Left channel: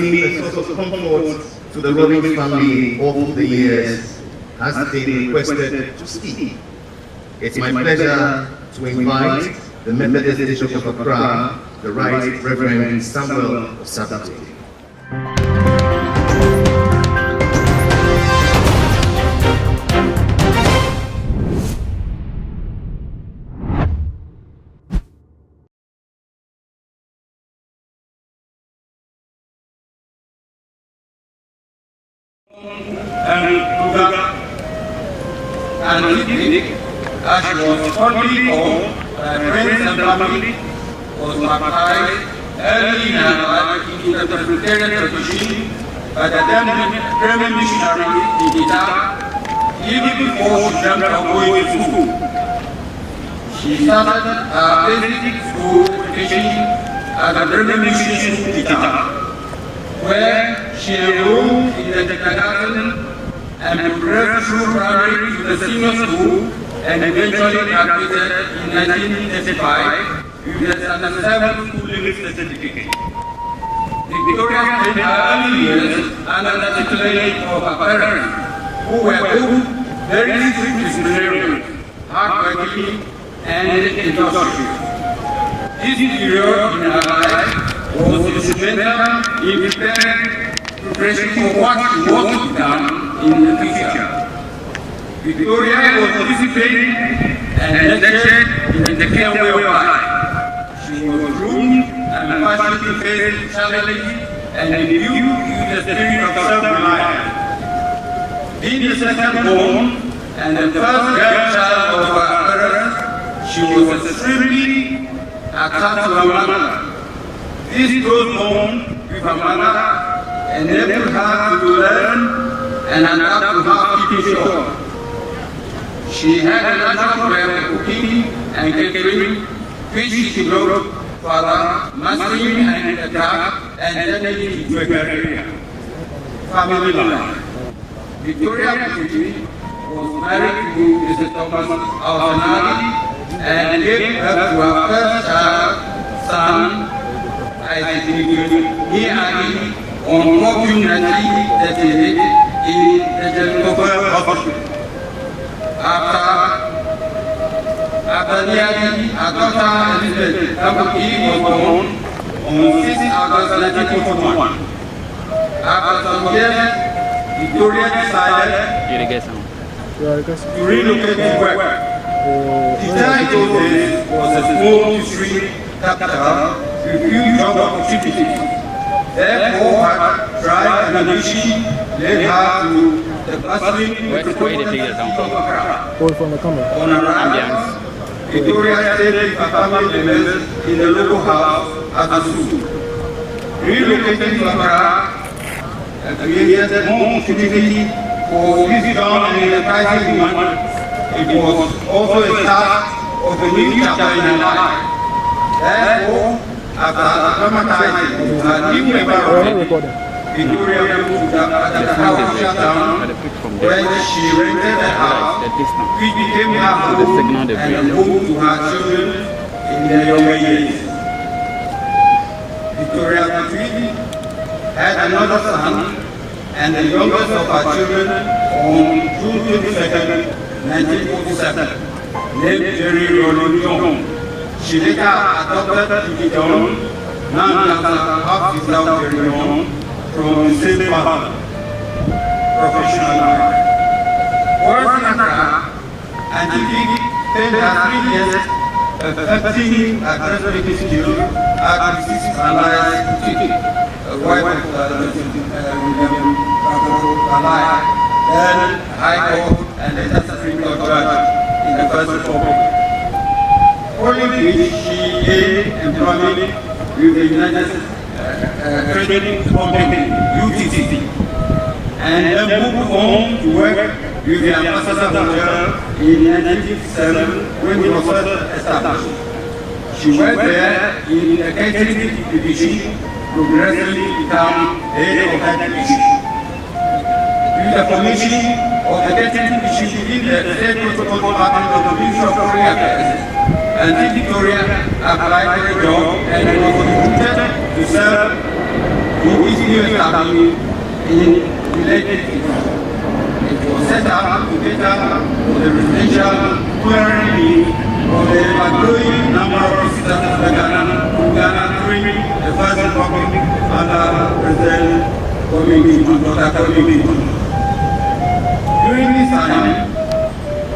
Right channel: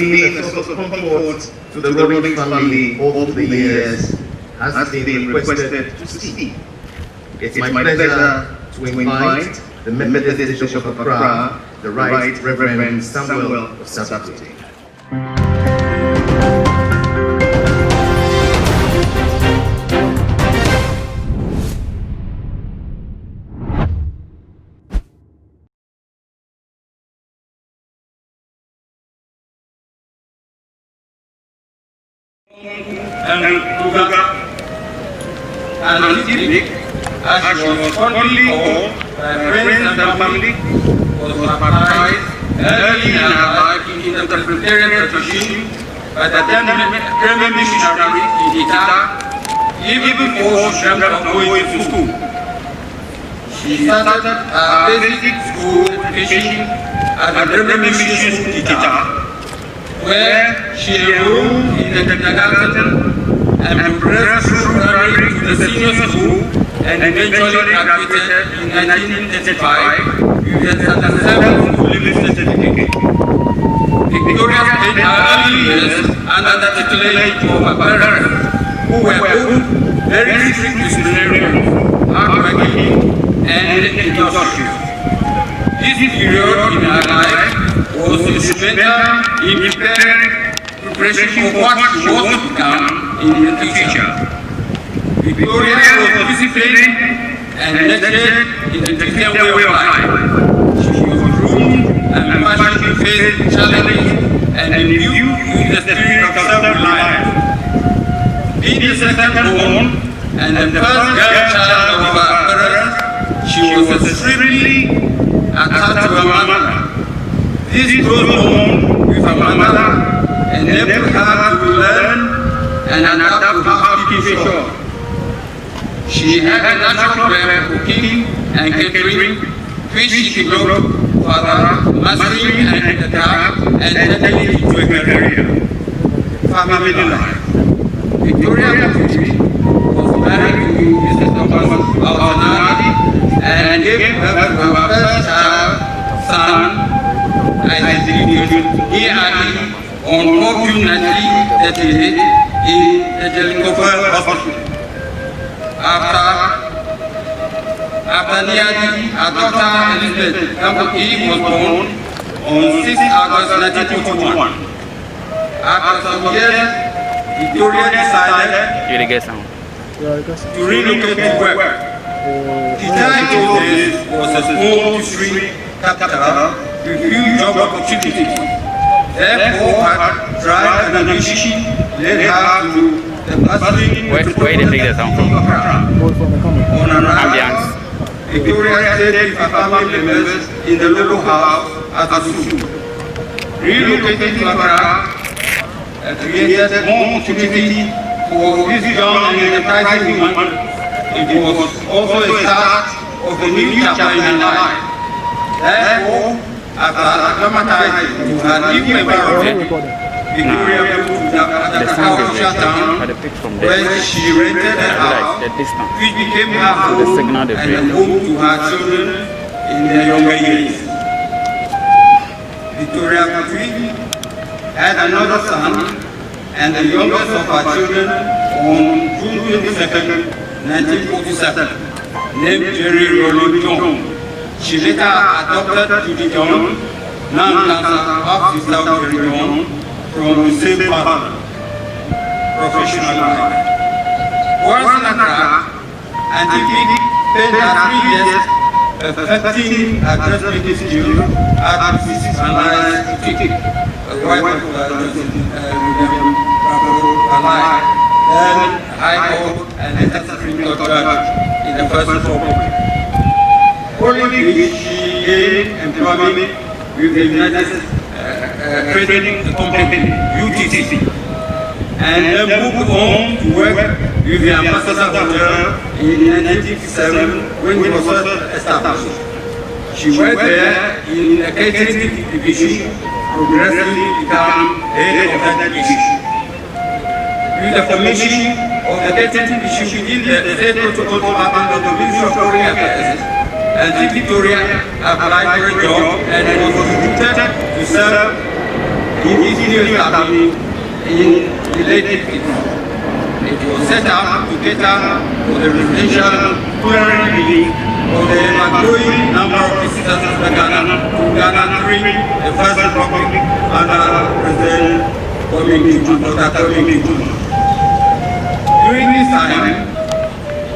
been a source of comfort to the Rawlins family over the years has been requested to speak. It's my pleasure to invite the Methodist Bishop of Accra, the Right Reverend Samuel Osabate. And Olympic, as she was fondly called by friends and family, was baptized early in her life in the Presbyterian tradition by the then missionary in Gita, even before she dreamt of going to school. She started her basic school education at the Bremen Mission in Gita, where she enrolled in the kindergarten and progressed through primary to the senior school and eventually graduated in 1935 with a successful living certificate. Victoria spent her early years under the tutelage of her parents, who were both very strict disciplinarians, hardworking, and industrious. This period in her life was instrumental in preparing preparation for what she was to become in the future. Victoria was disciplined and lectured in the Christian way of life. She was groomed and passionate to face challenges and imbued with the spirit of self-reliance. Being the second born and the first grandchild of her parents, she was extremely attached to her mother. This close bond with her mother enabled her to learn and adapt to housekeeping chores. She had a natural talent for cooking and catering, which she developed further, mastering the craft and turning into a career. Family life. Victoria was married to Mr. Thomas Albanati and gave birth to her first child, son, Isaac, on 4 June 1938 in the Jellicoe Hospital. After nearly a daughter Elizabeth Kabuki was born on 6 August 1941. After some years, Victoria decided to relocate to work. Gita in those days was a small district capital with few job opportunities. Therefore, her drive and ambition led her to the bustling metropolitan city of Accra. On arrival, Victoria stayed with her family members in the local house at the zoo. Relocating to Accra created more opportunity for this young and enterprising woman. It was also a start of a new chapter in her life. Therefore, after acclimatizing to her new environment, Victoria moved to the house shutdown, where she rented a house, which became her home and a home to her children in their younger years. Victoria had another son, and the youngest of her children on June 22, 1947, named Jerry Rawlins. She later adopted T.B. John, non-cancer half without Jerry John, from the same father. Professional life. Once in Accra, and T.B. spent her 3 years perfecting her dressmaking skill at Mrs. Funera's boutique, a wife of William Alive, then High Court and later Supreme Court judge in the First Republic. Following which she gained employment with the United Trading Company, UTC, and then moved on to work with the Ambassador Hotel in 1957 when it was established. She worked there in the catering division, progressively became head of that division. With the formation of the catering division within the State Protocol Department of the Ministry of Foreign Affairs, and Victoria applied for a job and was recruited to serve easily established in the late 80s. It was set up to cater for the residential community of the growing number of visitors to Ghana during the First Republic under President Dr. During this time,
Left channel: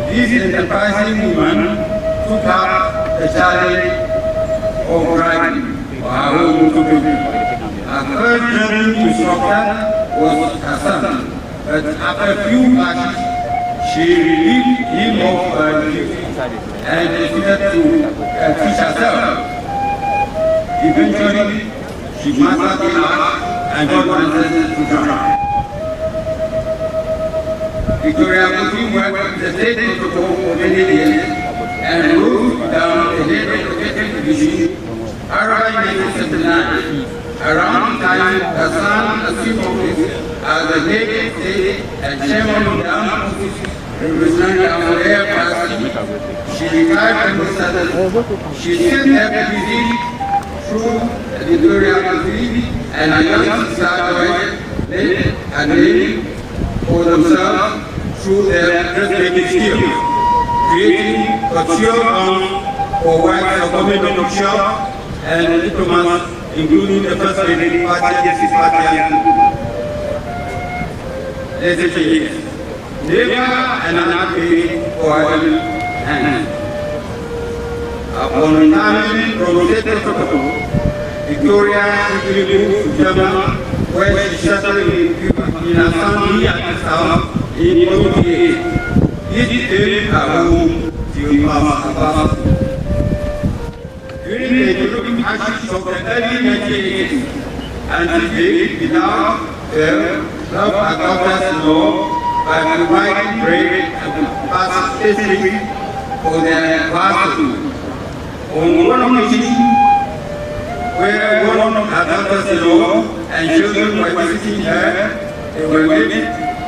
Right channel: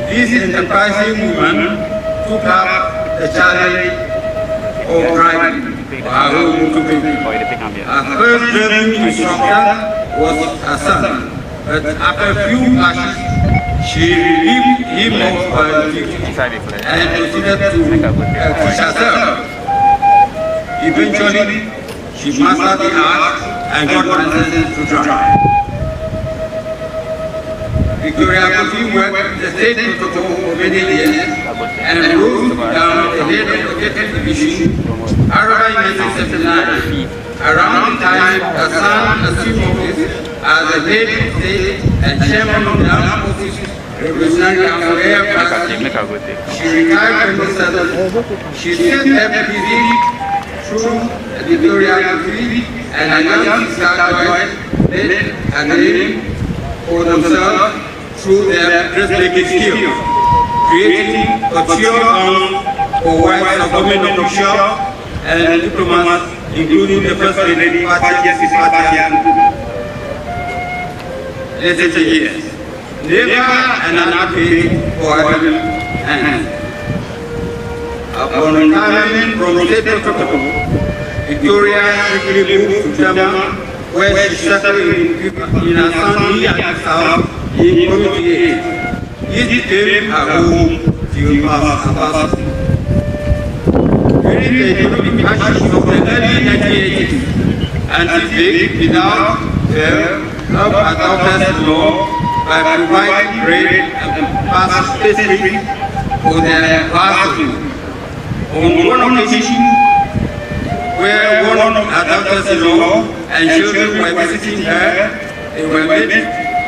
this enterprising woman took up the challenge of driving for her own community. Her first driving instructor was her son, but after a few clashes, she relieved him of her duty and proceeded to teach herself. Eventually, she mastered the art and got licensed to drive. Victoria continued worked the state protocol for many years and rose down the head of the division. However, in 1979, around the time her son assumed office as the head of state and chairman of the armed forces revolutionary council air plastic, she retired from the service. She still kept busy through the Victoria Youth and her young sister Joyce made a name for themselves through their dressmaking skills, creating couture gowns for wives of government officials and diplomats, including the First Lady, Let's say yes. Never an unhappy for heaven and upon retirement from the state protocol, Victoria quickly moved to Germany, where she settled in a family at his house in community aid. It became her home till past. During the economic crisis of the early 1980s, Antique without fail helped our government's law by providing grade and pass pastry for their classroom. On one occasion, where one of her daughters-in-law and children were visiting her, they were met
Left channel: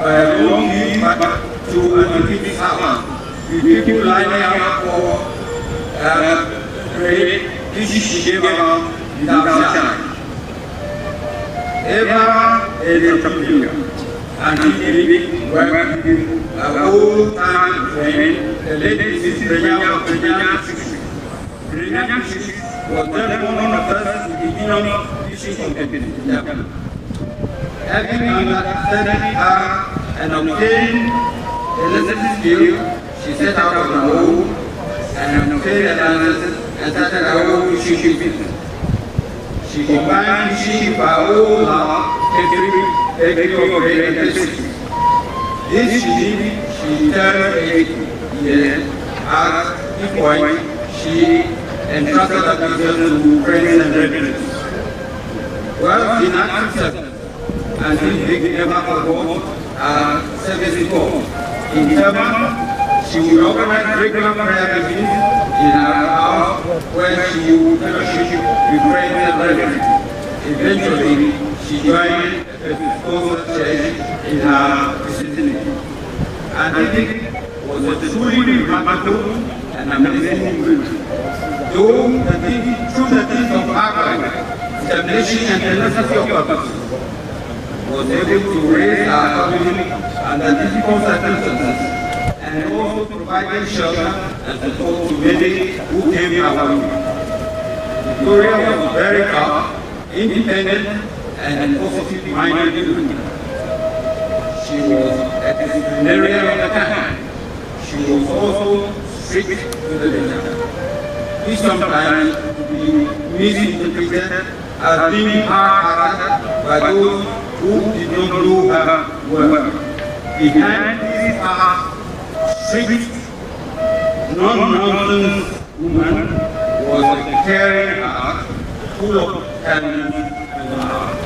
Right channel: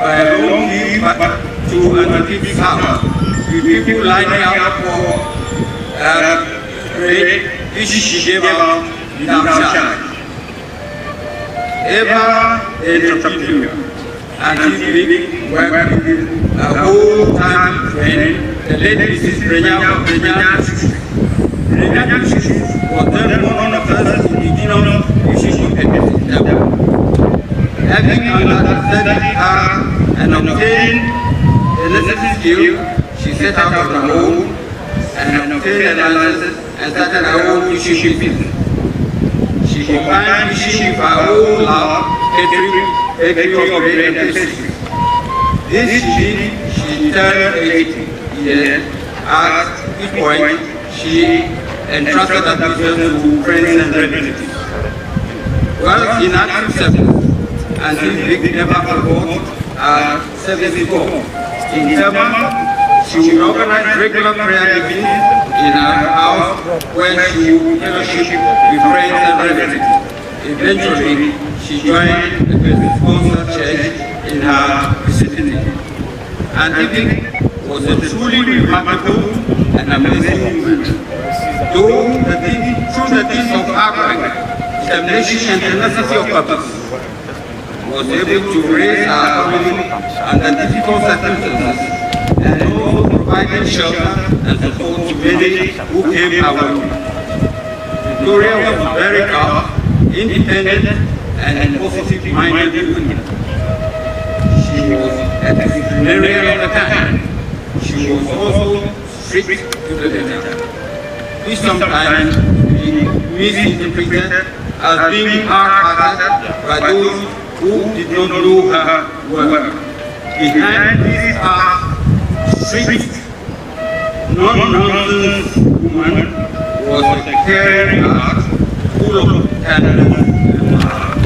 by a long queue to an antique's house, with people lining up for grade which she gave out without charge. Ever an entrepreneur, Antique worked with a whole-time friend, the late Mrs. Brenya of Brenya 60. Brenya 60 was then one of the first indigenous musicians in Japan. Having understood her and obtained the necessary skill, she set out on her own and obtained a license and started her own musician business. She combined musician for her own love, catering of great and pastry. This she turned 80 years. At this point, she entrusted her business to friends and relatives. Well, in 1970, and since never forgot her service before. In Burma, she would organize regular prayer meetings in her house where she would fellowship with friends and relatives. Eventually, she joined the sponsored church in her vicinity. And it was a truly remarkable and amazing woman. Though through the things of hard work, determination and tenacity of purpose, was able to raise our family under difficult circumstances and also provided shelter and support to many who came our way. Victoria was very calm, independent, and positive-minded woman. She was a disciplinarian at the time. She was also strict to the letter. This sometimes misinterpreted as being hard-hearted by those who did not know her well. Behind this strict, non-nonsense woman was a caring heart, full of tenderness and love.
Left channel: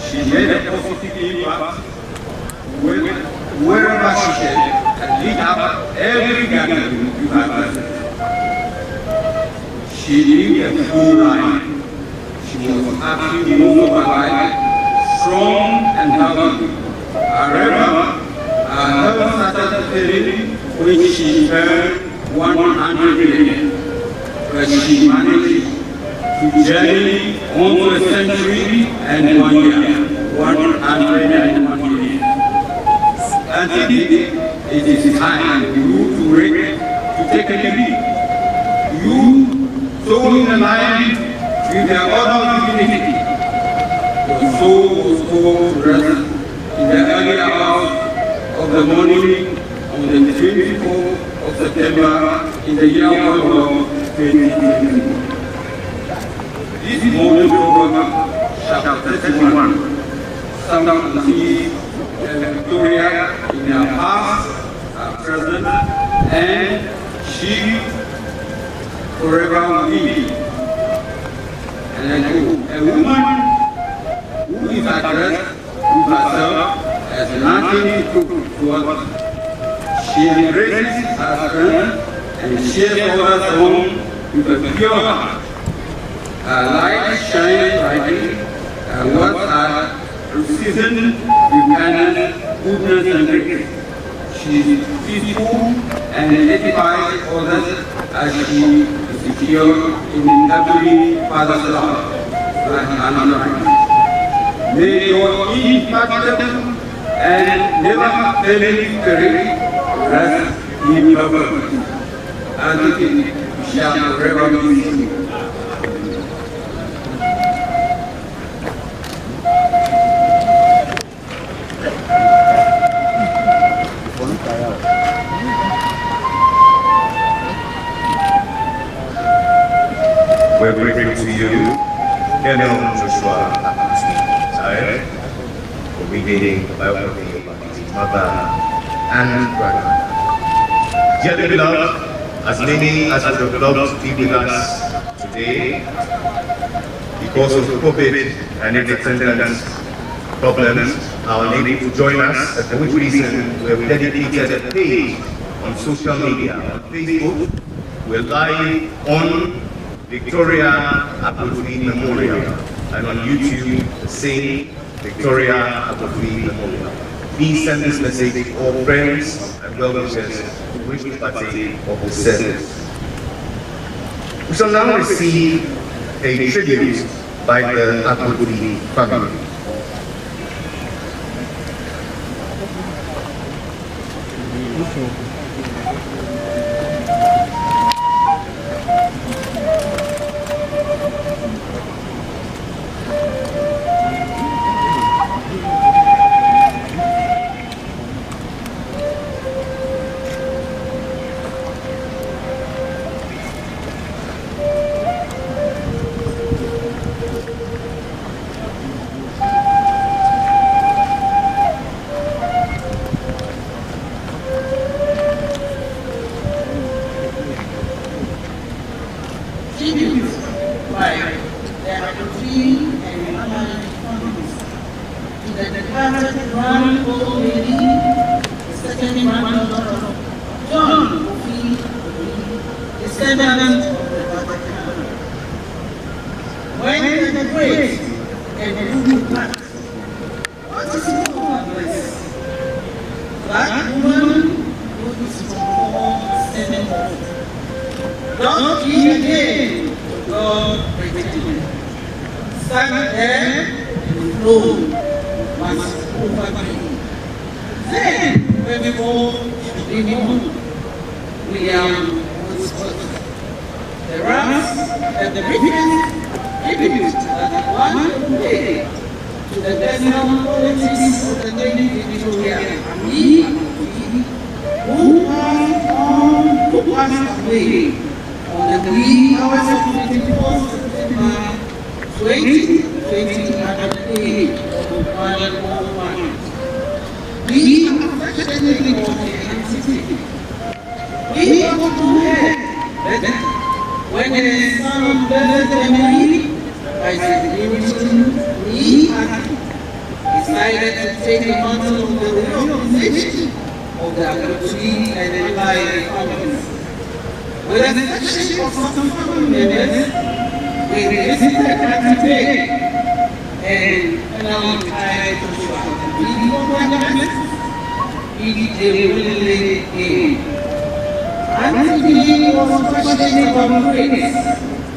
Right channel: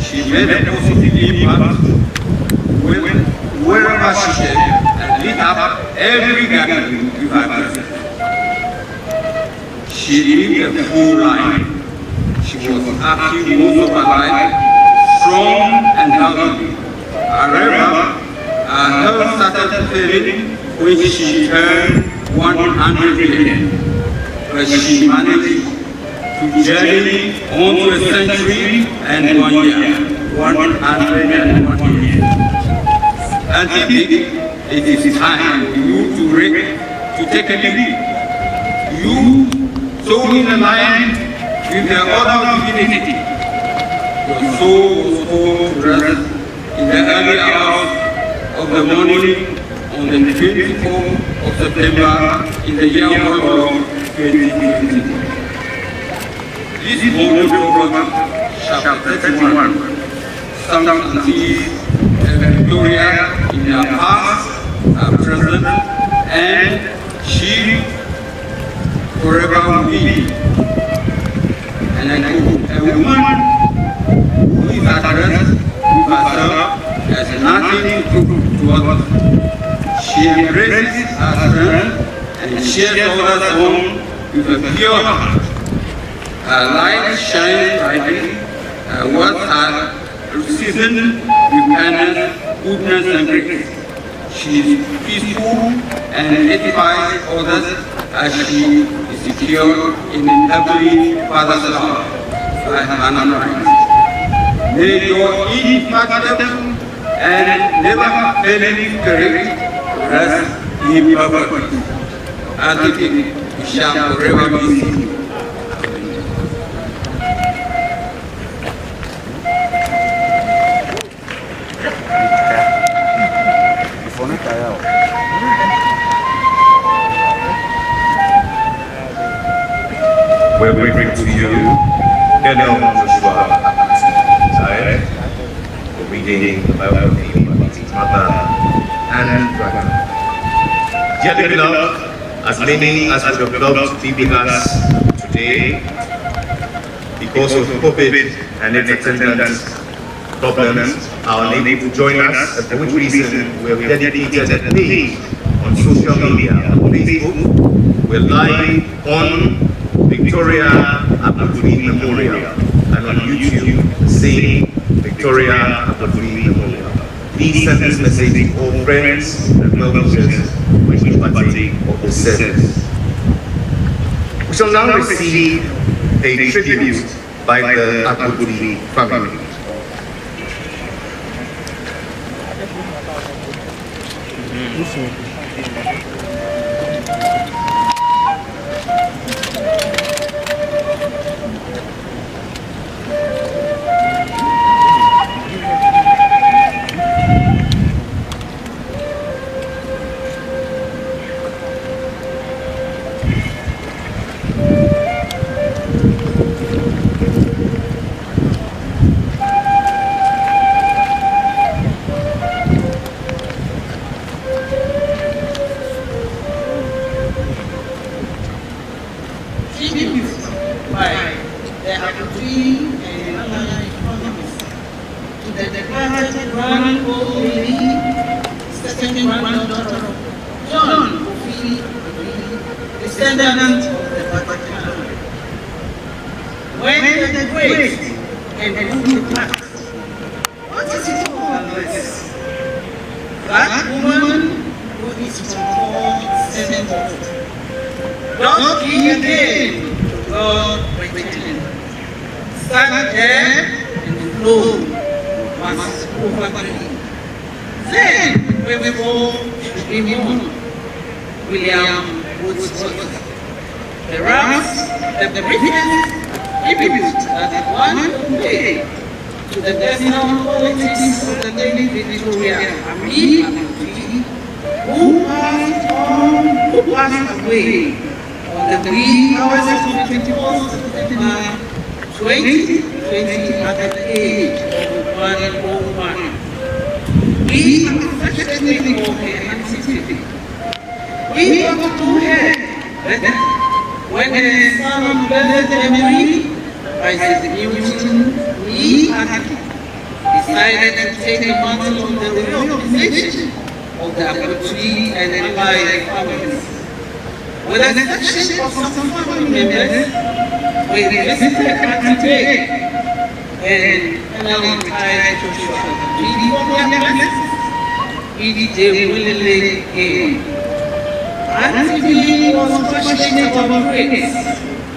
She made a positive impact wherever she stayed and lit up every gathering with her presence. She lived a full life. She was active most of her life, strong and healthy. However, her health started failing when she turned 100 years, but she managed to to journey on to a century and 1 year, 101 years. And today, it is time for you to take a lead. You, so in alignment with the other divinity, your soul was rest in the early hours of the morning on the 24th of September in the year of our Lord 2020. This morning program, chapter 31, some see Victoria in her past, her present, and she forever will be. And I know a woman who is addressed with herself as nothing to others. She embraces her strength and shares others on with a pure heart. Her light shines brightly, her words are seasoned with kindness, goodness, and grace. She is peaceful and edifies others as she is secure in Heavenly Father's love. Like Hannah Christ. May your ineffective and never failing spirit rest in perfect. And we shall forever be seen. We're grateful to you, Colonel Joshua Atkinson, for reading the biography of his mother and brother. Dearly beloved, as many as would have loved to be with us today, because of COVID and its attendant problems, are unable to join us, for which reason we have dedicated a page on social media, on Facebook. We're live on Victoria Apodui Memorial, and on YouTube, same Victoria Apodui Memorial. Please send this message to all friends and well-wishers which will partake of this service. We shall now receive a tribute by the Apodui family.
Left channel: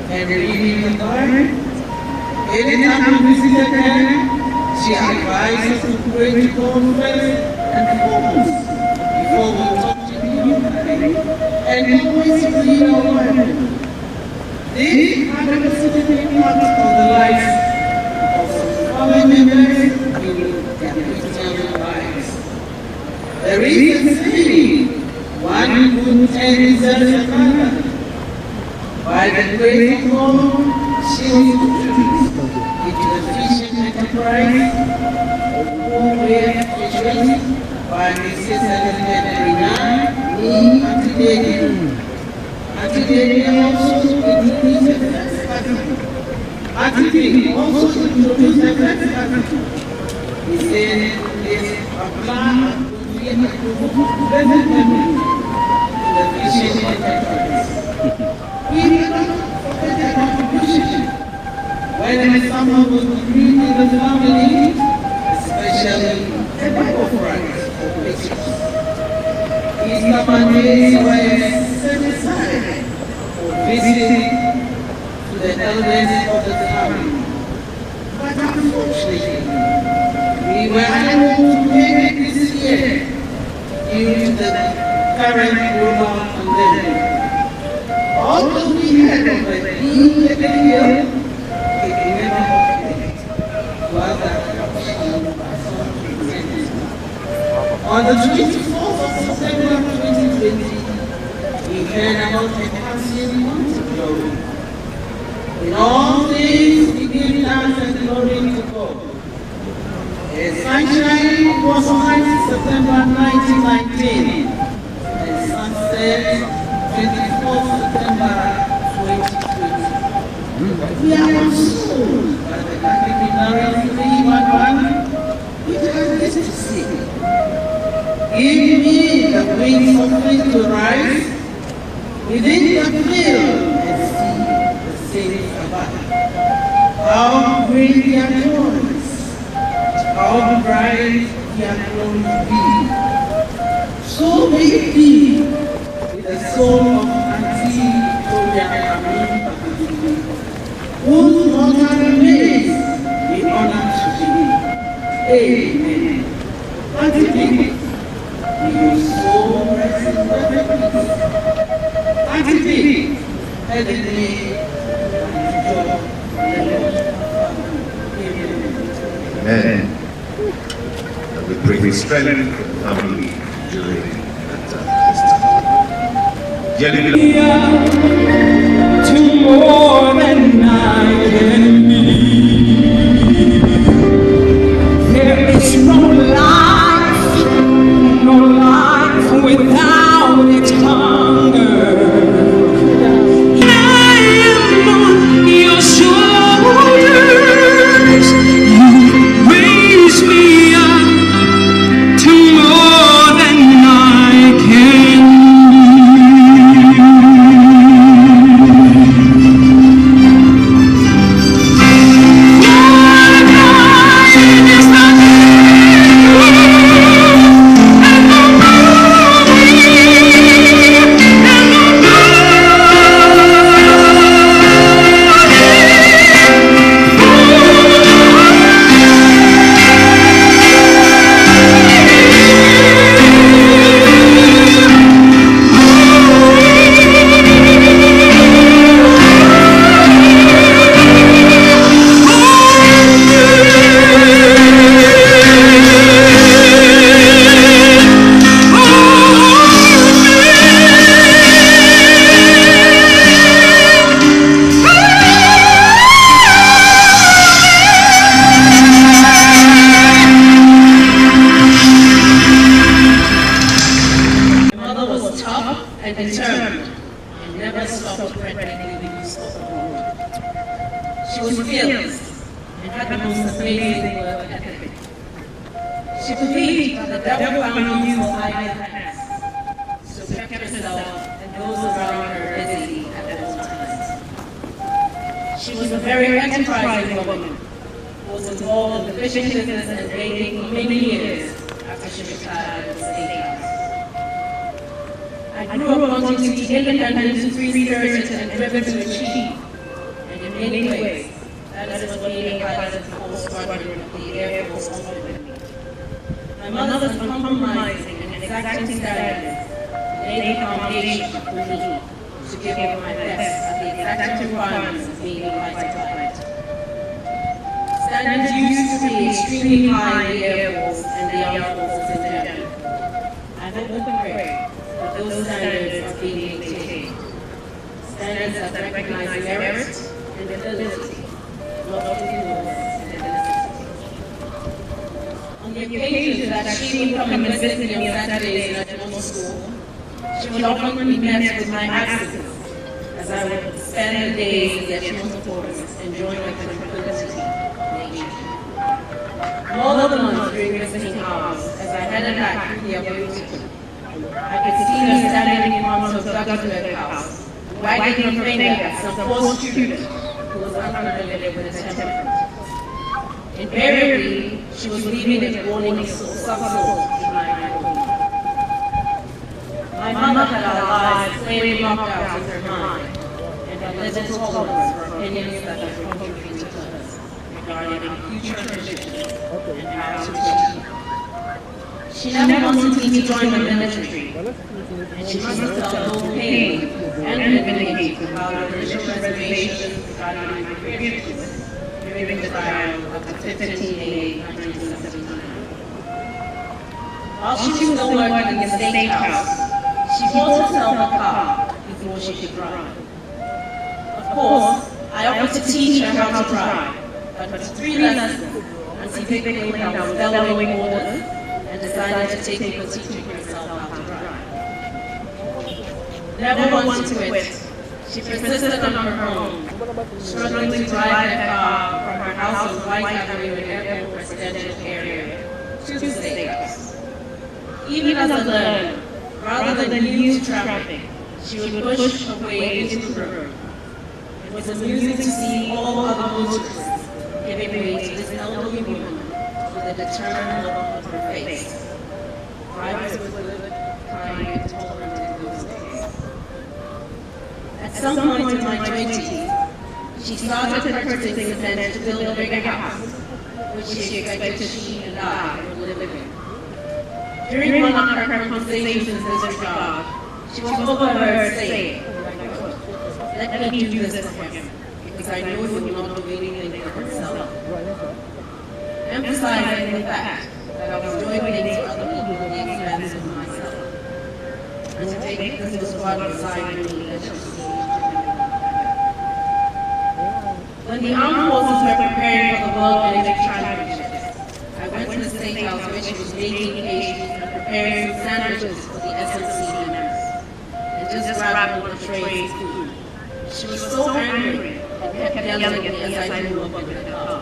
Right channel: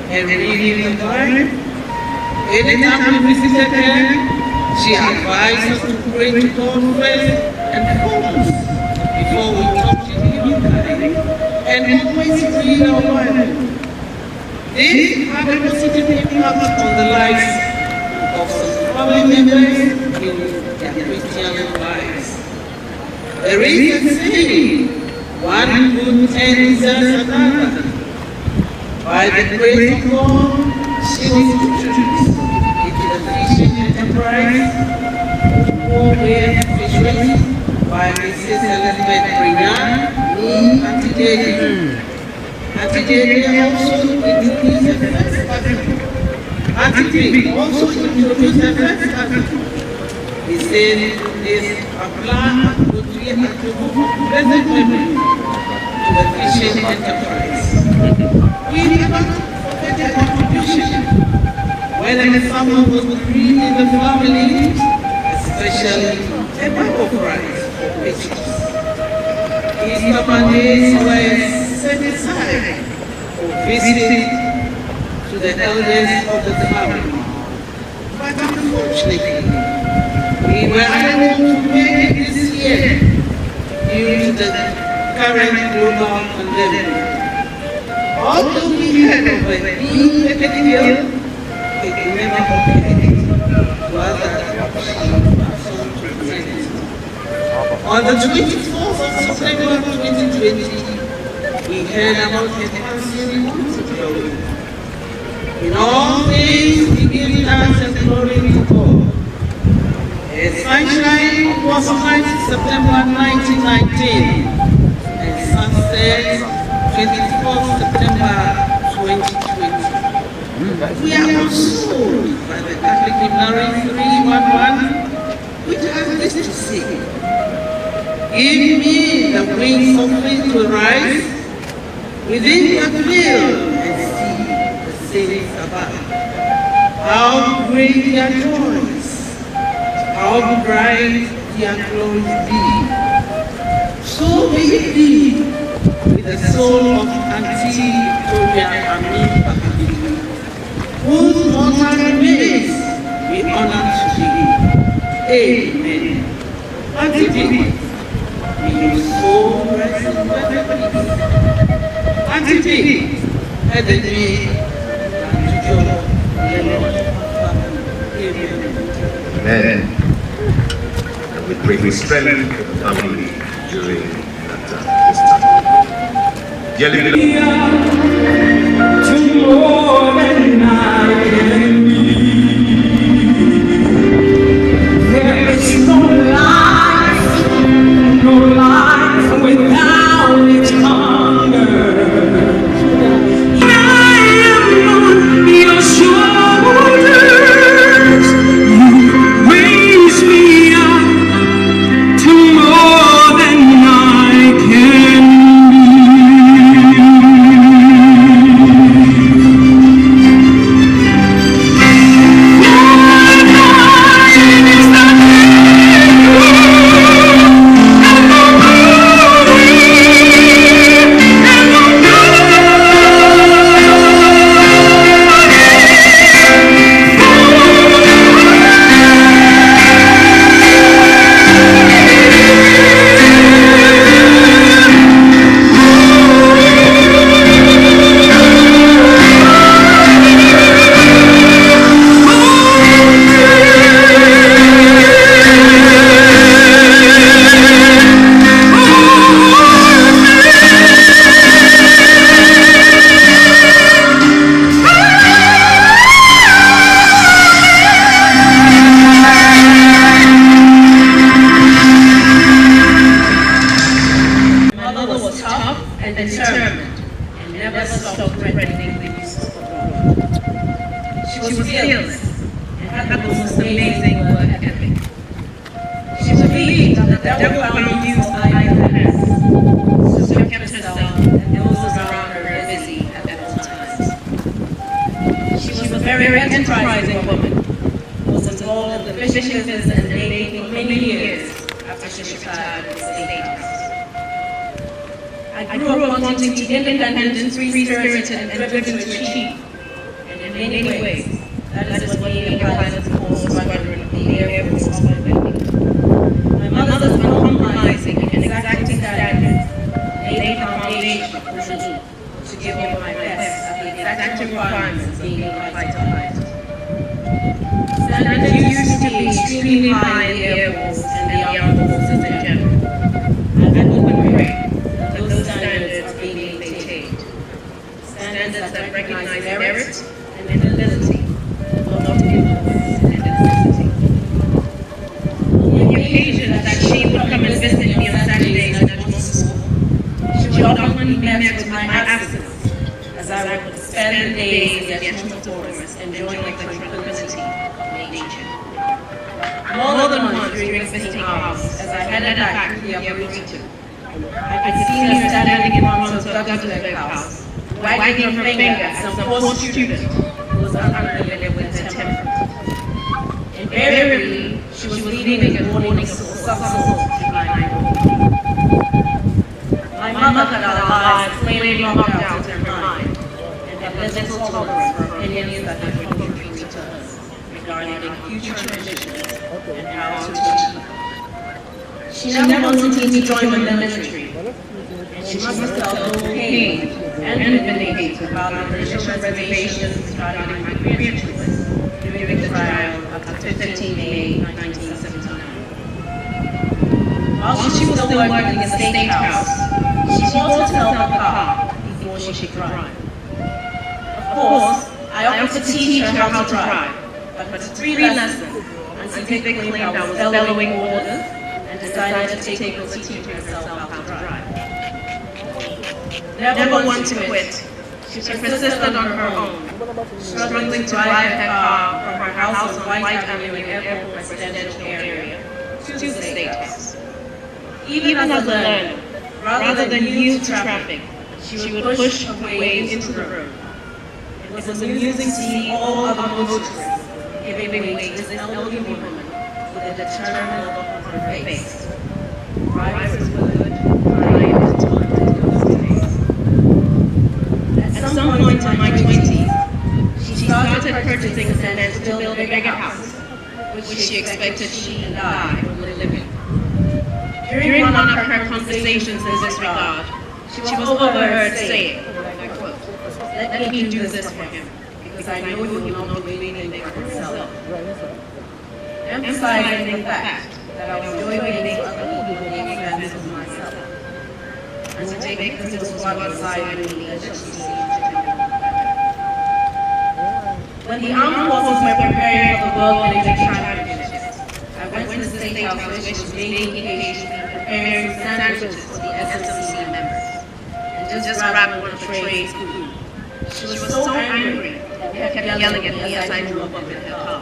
and reading the Bible. Anytime we visited her, she advised us to pray to God first and focus before we talk to the and always read our Bible. This had a positive impact on the lives of some family members in their Christian lives. There is a saying, one good turn deserves another. By the grace of God, she was introduced into the fishing enterprise of Funera fisheries by Mrs. Elizabeth Brinan, me, Auntie Lady. Auntie Lady also introduced the first article. Auntie Lady also introduced the first article. He said, "This a plan to create a pleasant memory to the fishing enterprise." We cannot forget her contribution. Whenever someone was grieved in the family, especially a Bible prize for wishes, Easter Mondays were set aside for visit to the elders of the family. But unfortunately, we were unable to make it this year due to the current global pandemic. Although we heard of it being taken here, it never happened to other on the 24th of September 2020, we heard about the passing of glory. In all things, we give thanks and glory to God. A sunshine was on September 1919, and sunset 24th September 2020. We are consoled by the Catholic Hymnary 311, which has this to say: "Give me the wings of faith to rise within the veil and see the saints above. How great their joys, how bright their glories be. So may it be with the soul of Auntie Victoria Amin Bakudi, whose mortal remains be honored today. Amen." Auntie Victoria, may your soul rest in perfect peace. Auntie Victoria, let the day and joy Amen. And we pray for strength for the family during that this time. Dearly beloved, to more than I can be. There is no life without its hunger. I am on your shoulders. You raise me up to more than I can many ways. That is what being pilots for squadron of the Air Force offered me. My mother's uncompromising and exacting standards laid the foundation for me to give her my best at the exacting requirements of being a fighter pilot. Standards used to be extremely high in the Air Force and the armed forces in general. I hope and pray that those standards are being maintained. Standards that recognize merit and ability, not influence and necessity. The occasion that she would come and visit me on Saturdays at dental school, she would often be met with my absence, as I would spend the days in the astronomical quarters enjoying the tranquility of nature. More than once during visiting hours, as I headed back through the upper region, I could see her standing in front of Dr. house, wagging her finger at some poor student who was unfamiliar with the temperament. Invariably, she was leaving a warning subtle behind her. My mother had our lives clearly blocked out in her mind, and had little tolerance for opinions that had contributed to us regarding future traditions and how to achieve. She never wanted me to join the military, and she must have felt no pain and relief about the initial reservations regarding my grandchildren during the trial of the 15 May 1979. While she was still working in the State House, she bought herself a car before she could drive. Of course, I offered to teach her how to drive, but for 3 lessons, and typically I was following orders, and decided to take the teaching herself how to drive. Never one to quit, she persisted on her own, struggling to drive her car from her house on White Avenue in Airport residential area to the State House. Even as a learner, rather than use traffic, she would push her way into the road. It was amusing to see all other motorists giving way to this elderly woman with a determined look on her face. Drivers would kind, talented those days. At some point in my 20s, she started purchasing land to build a bigger house, which she expected she and I would live in. During one of her conversations in this regard, she was overheard saying, "Let me do this for him, because I know he will not be leaving there for himself." Emphasizing the fact that I was doing things for other people at the expense of myself, and to take this to squad beside me and just see. When the armed forces were preparing for the World Military Championships, I went to the State House where she was making occasions and preparing sandwiches for the SMC members, and just grabbed one tray of food. She was so angry and kept yelling at me as I moved up in her car.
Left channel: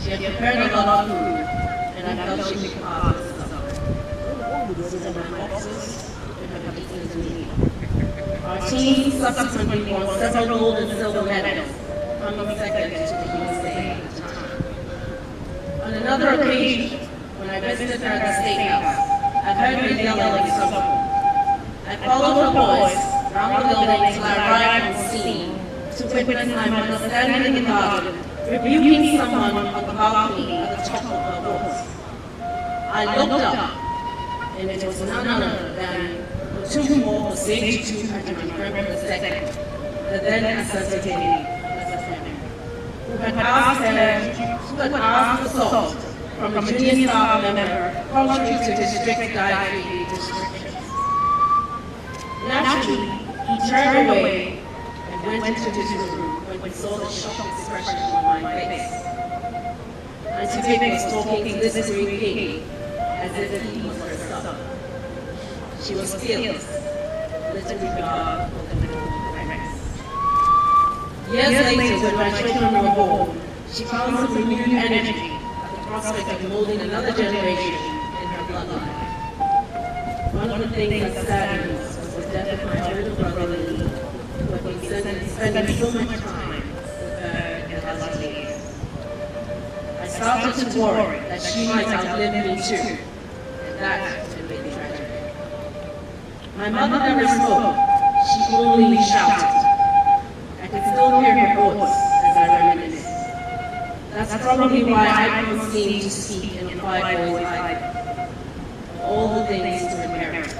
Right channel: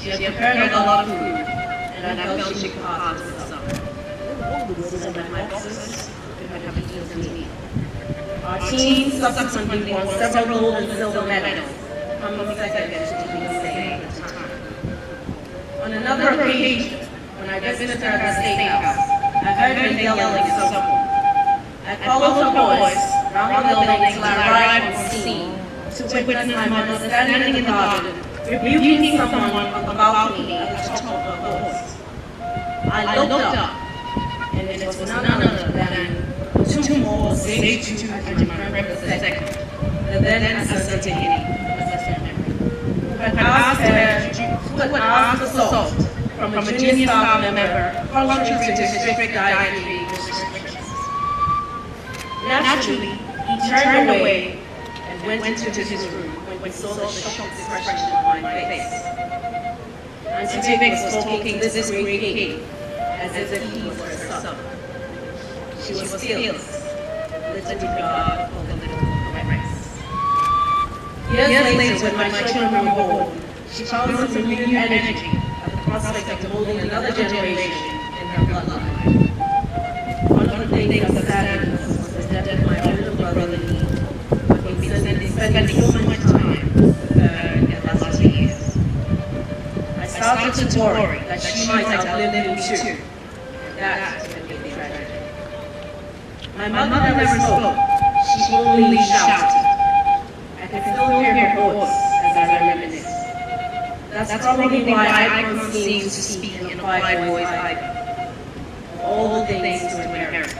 She had prepared a lot of food, and I felt she could pass this up. So my boxes could have eaten me. Our team subsequently won several gold and silver medals, coming second to the USA at the time. On another occasion, when I visited her at the State House, I heard her yelling somewhere. I followed her voice around the building till I arrived on scene to witness my mother standing in the garden, rebuking someone about me at the top of her voice. I looked up, and it was none other than two more stage 2 at my grandmother second, the then assistant who had asked assault from a junior staff member contrary to district dietary restrictions. Naturally, he turned away and went into his room when we saw the shocked expression on my face. And Tibik was talking this great king as if he was her son. She was fearless, little regard for the little race. Years later, when my children were born, she found some renewed energy at the prospect of molding another generation in her bloodline. One of the things that saddened us was the death of my older brother Lee, but we spent so much time with her in the last years. I started to worry that she might outlive me too, and that had been tragic. My mother never spoke, she only shouted. I can still hear her voice as I reminisce. That's probably why I don't seem to speak in a quiet voice like all the things to inherit.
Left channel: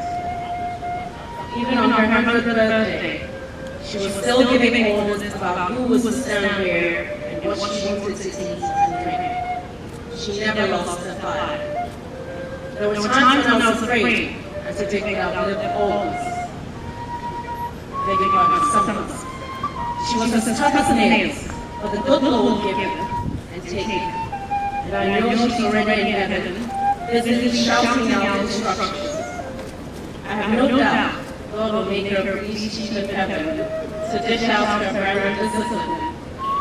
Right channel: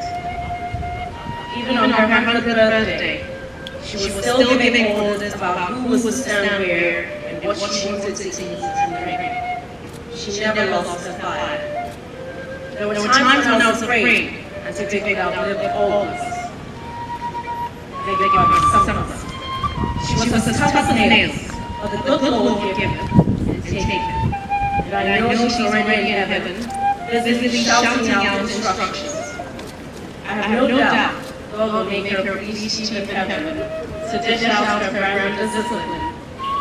Even on her 100th birthday, she was still giving orders about who was to stand where and what she wanted to eat and drink. She never lost her fire. There were times when I was afraid and to think that I lived always. Maybe God was some of us. She was as tough as nails, but the good Lord would give and take. And I know she's already in heaven, visibly shouting out instructions. I have no doubt God will make her please teach in heaven to dish out her brand discipline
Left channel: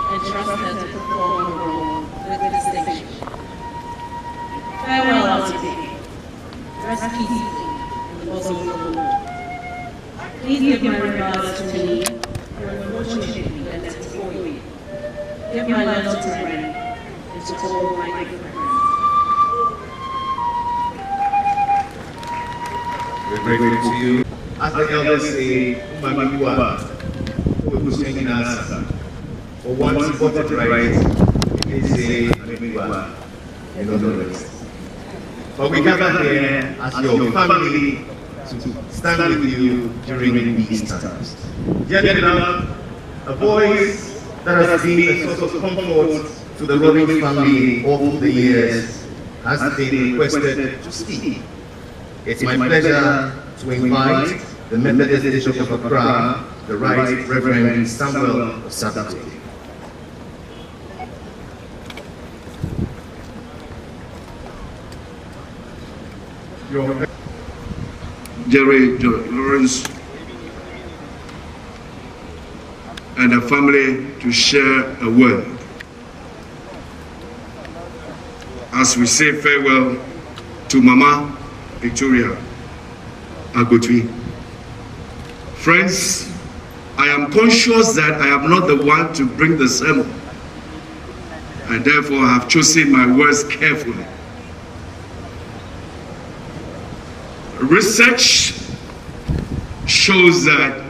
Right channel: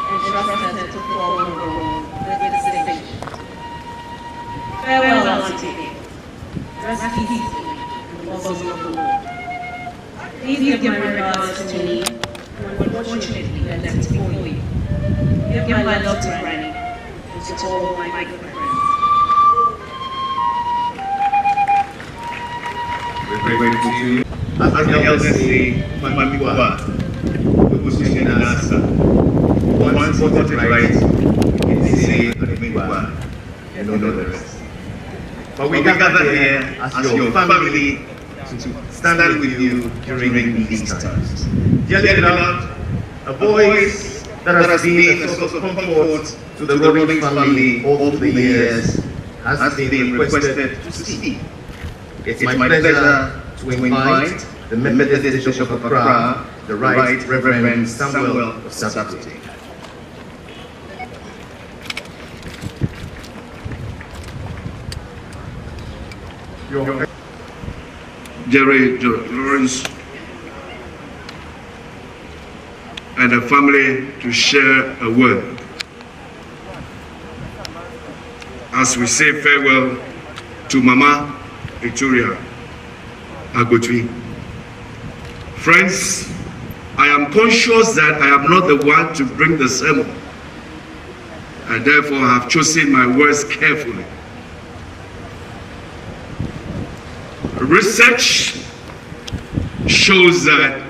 and trust her to perform her role with distinction. Farewell, Auntie. Rest peacefully in the bosom of the Lord. Please give my regards to me, and unfortunately, that's for you. Give my love to Granny and to all my good friends. We're grateful to you. As the elders say, Mamikwa, who's in answer. For one supported right, we can say Mamikwa and all the rest. But we gather here as your family to stand with you during these times. Dearly beloved, a voice that has been a source of comfort to the Rawlins family over the years has been requested to speak. It's my pleasure to invite the Methodist Bishop of Accra, the Right Reverend Samuel of Saturday. Jerry Rawlins and the family to share a word as we say farewell to Mama Victoria Agotwi. Friends, I am conscious that I am not the one to bring the sermon, and therefore I have chosen my words carefully. Research shows that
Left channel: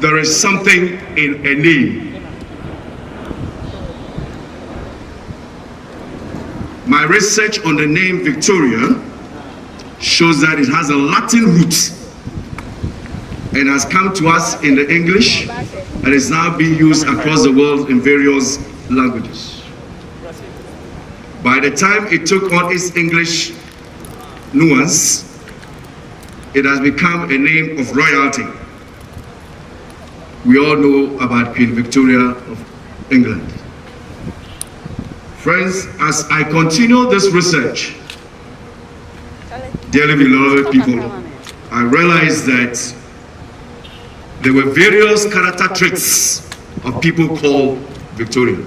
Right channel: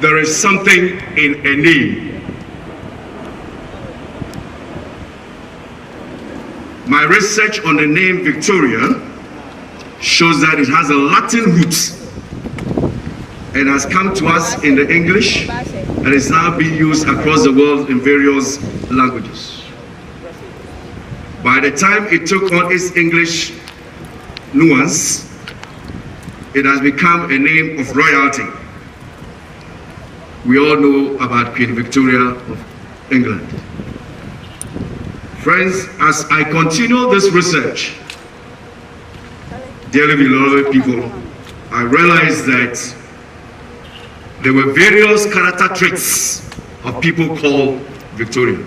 there is something in a name. My research on the name Victoria shows that it has a Latin root and has come to us in the English and is now being used across the world in various languages. By the time it took on its English nuance, it has become a name of royalty. We all know about Queen Victoria of England. Friends, as I continue this research, dearly beloved people, I realized that there were various character traits of people called Victoria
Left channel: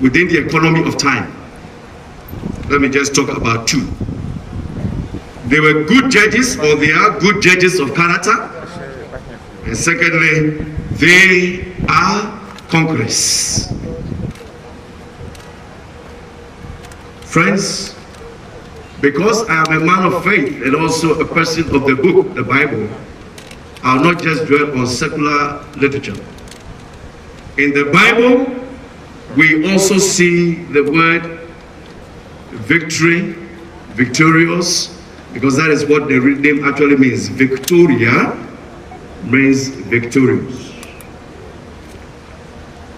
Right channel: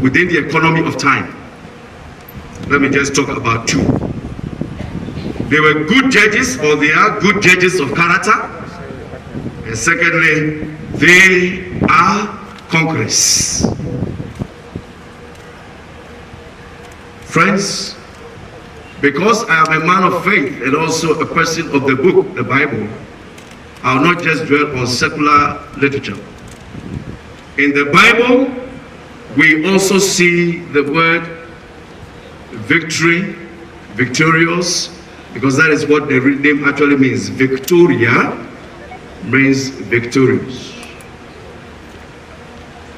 within the economy of time. Let me just talk about two. They were good judges, or they are good judges of character. And secondly, they are conquerors. Friends, because I am a man of faith and also a person of the book, the Bible, I'll not just dwell on secular literature. In the Bible, we also see the word victory, victorious, because that is what the name actually means. Victoria means victorious.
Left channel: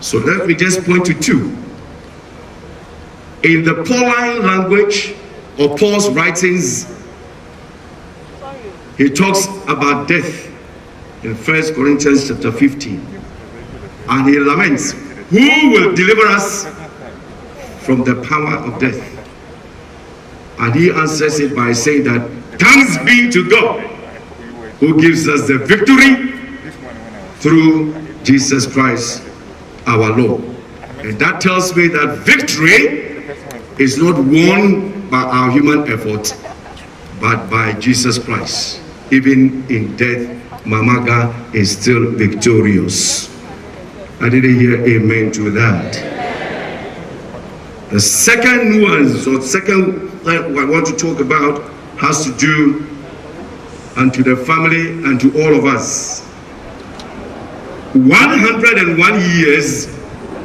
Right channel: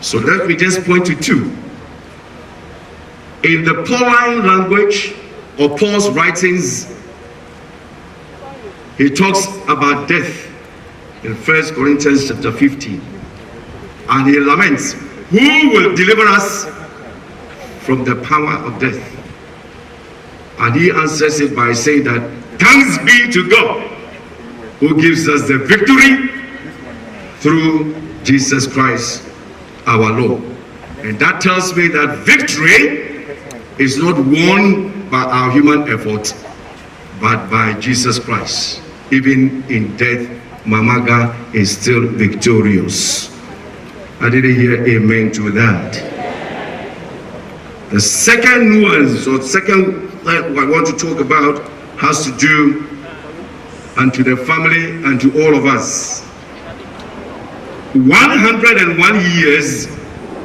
So let me just point to two. In the Pauline language, or Paul's writings, he talks about death in 1 Corinthians chapter 15. And he laments, who will deliver us from the power of death? And he answers it by saying that thanks be to God who gives us the victory through Jesus Christ our Lord. And that tells me that victory is not won by our human effort, but by Jesus Christ. Even in death, Mamaga is still victorious. I didn't hear amen to that. The second nuance, or second I want to talk about, has to do and to the family and to all of us. 101 years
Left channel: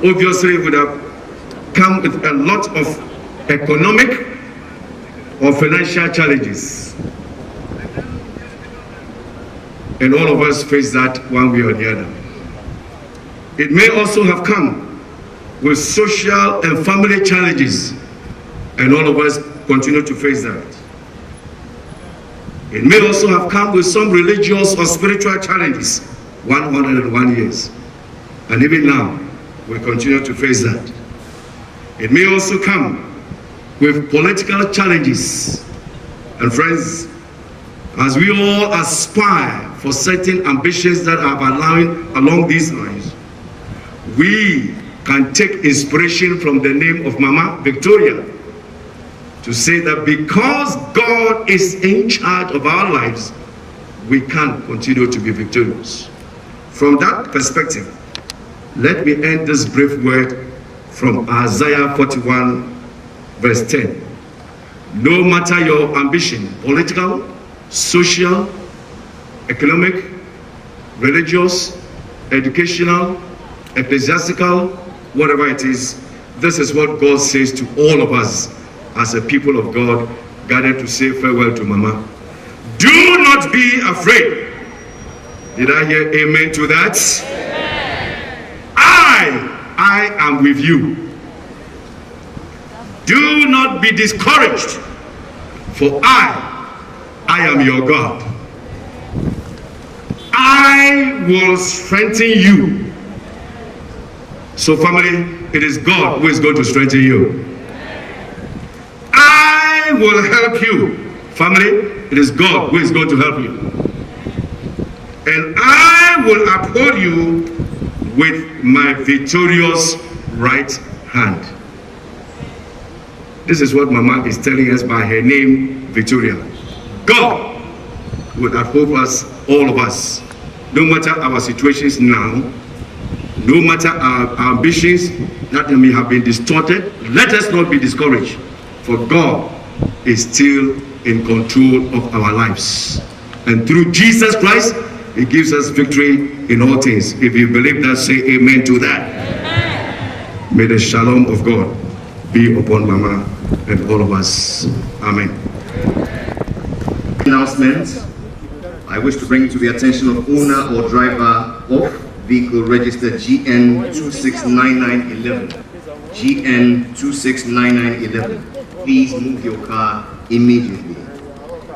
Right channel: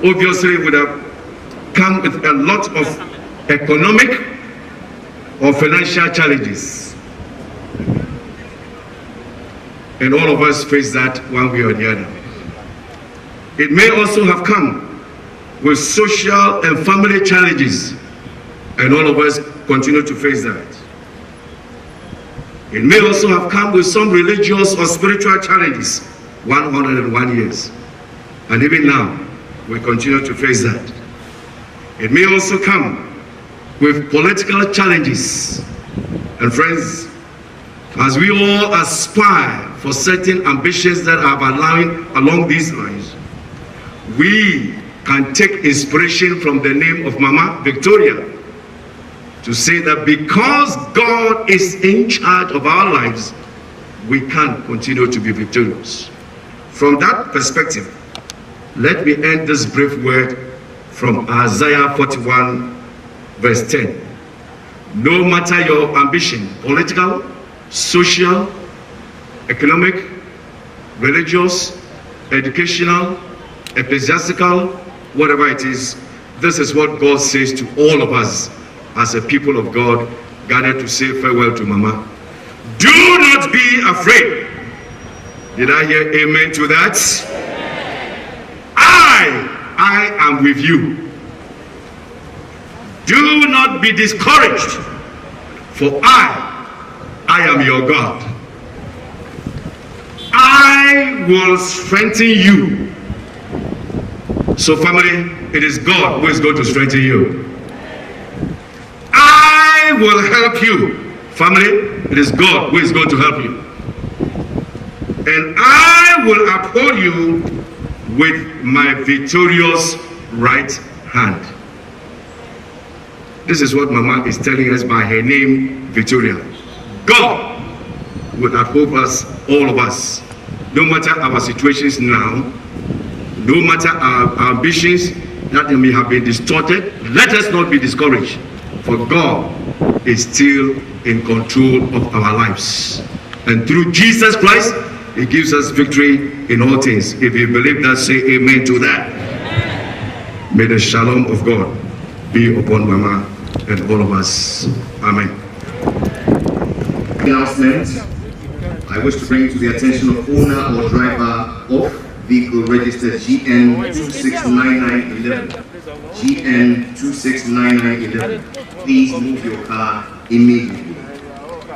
obviously would have come with a lot of economic or financial challenges. And all of us face that one way or the other. It may also have come with social and family challenges, and all of us continue to face that. It may also have come with some religious or spiritual challenges, 101 years. And even now, we continue to face that. It may also come with political challenges. And friends, as we all aspire for certain ambitions that are allowing along these lines, we can take inspiration from the name of Mama Victoria to say that because God is in charge of our lives, we can continue to be victorious. From that perspective, let me end this brief word from Isaiah 41 verse 10. No matter your ambition, political, social, economic, religious, educational, ecclesiastical, whatever it is, this is what God says to all of us as a people of God gathered to say farewell to Mama. Do not be afraid. Did I hear amen to that? I am with you. Do not be discouraged, for I am your God. I will strengthen you. So family, it is God who is going to strengthen you. I will help you. Family, it is God who is going to help you. And I will uphold you with my victorious right hand. This is what Mama is telling us by her name, Victoria. God will uphold us, all of us, no matter our situations now, no matter our ambitions that may have been distorted. Let us not be discouraged, for God is still in control of our lives. And through Jesus Christ, He gives us victory in all things. If you believe that, say amen to that. Amen. May the shalom of God be upon Mama and all of us. Amen. Announcement. I wish to bring it to the attention of owner or driver of vehicle registered GN 269911. GN 269911. Please move your car immediately.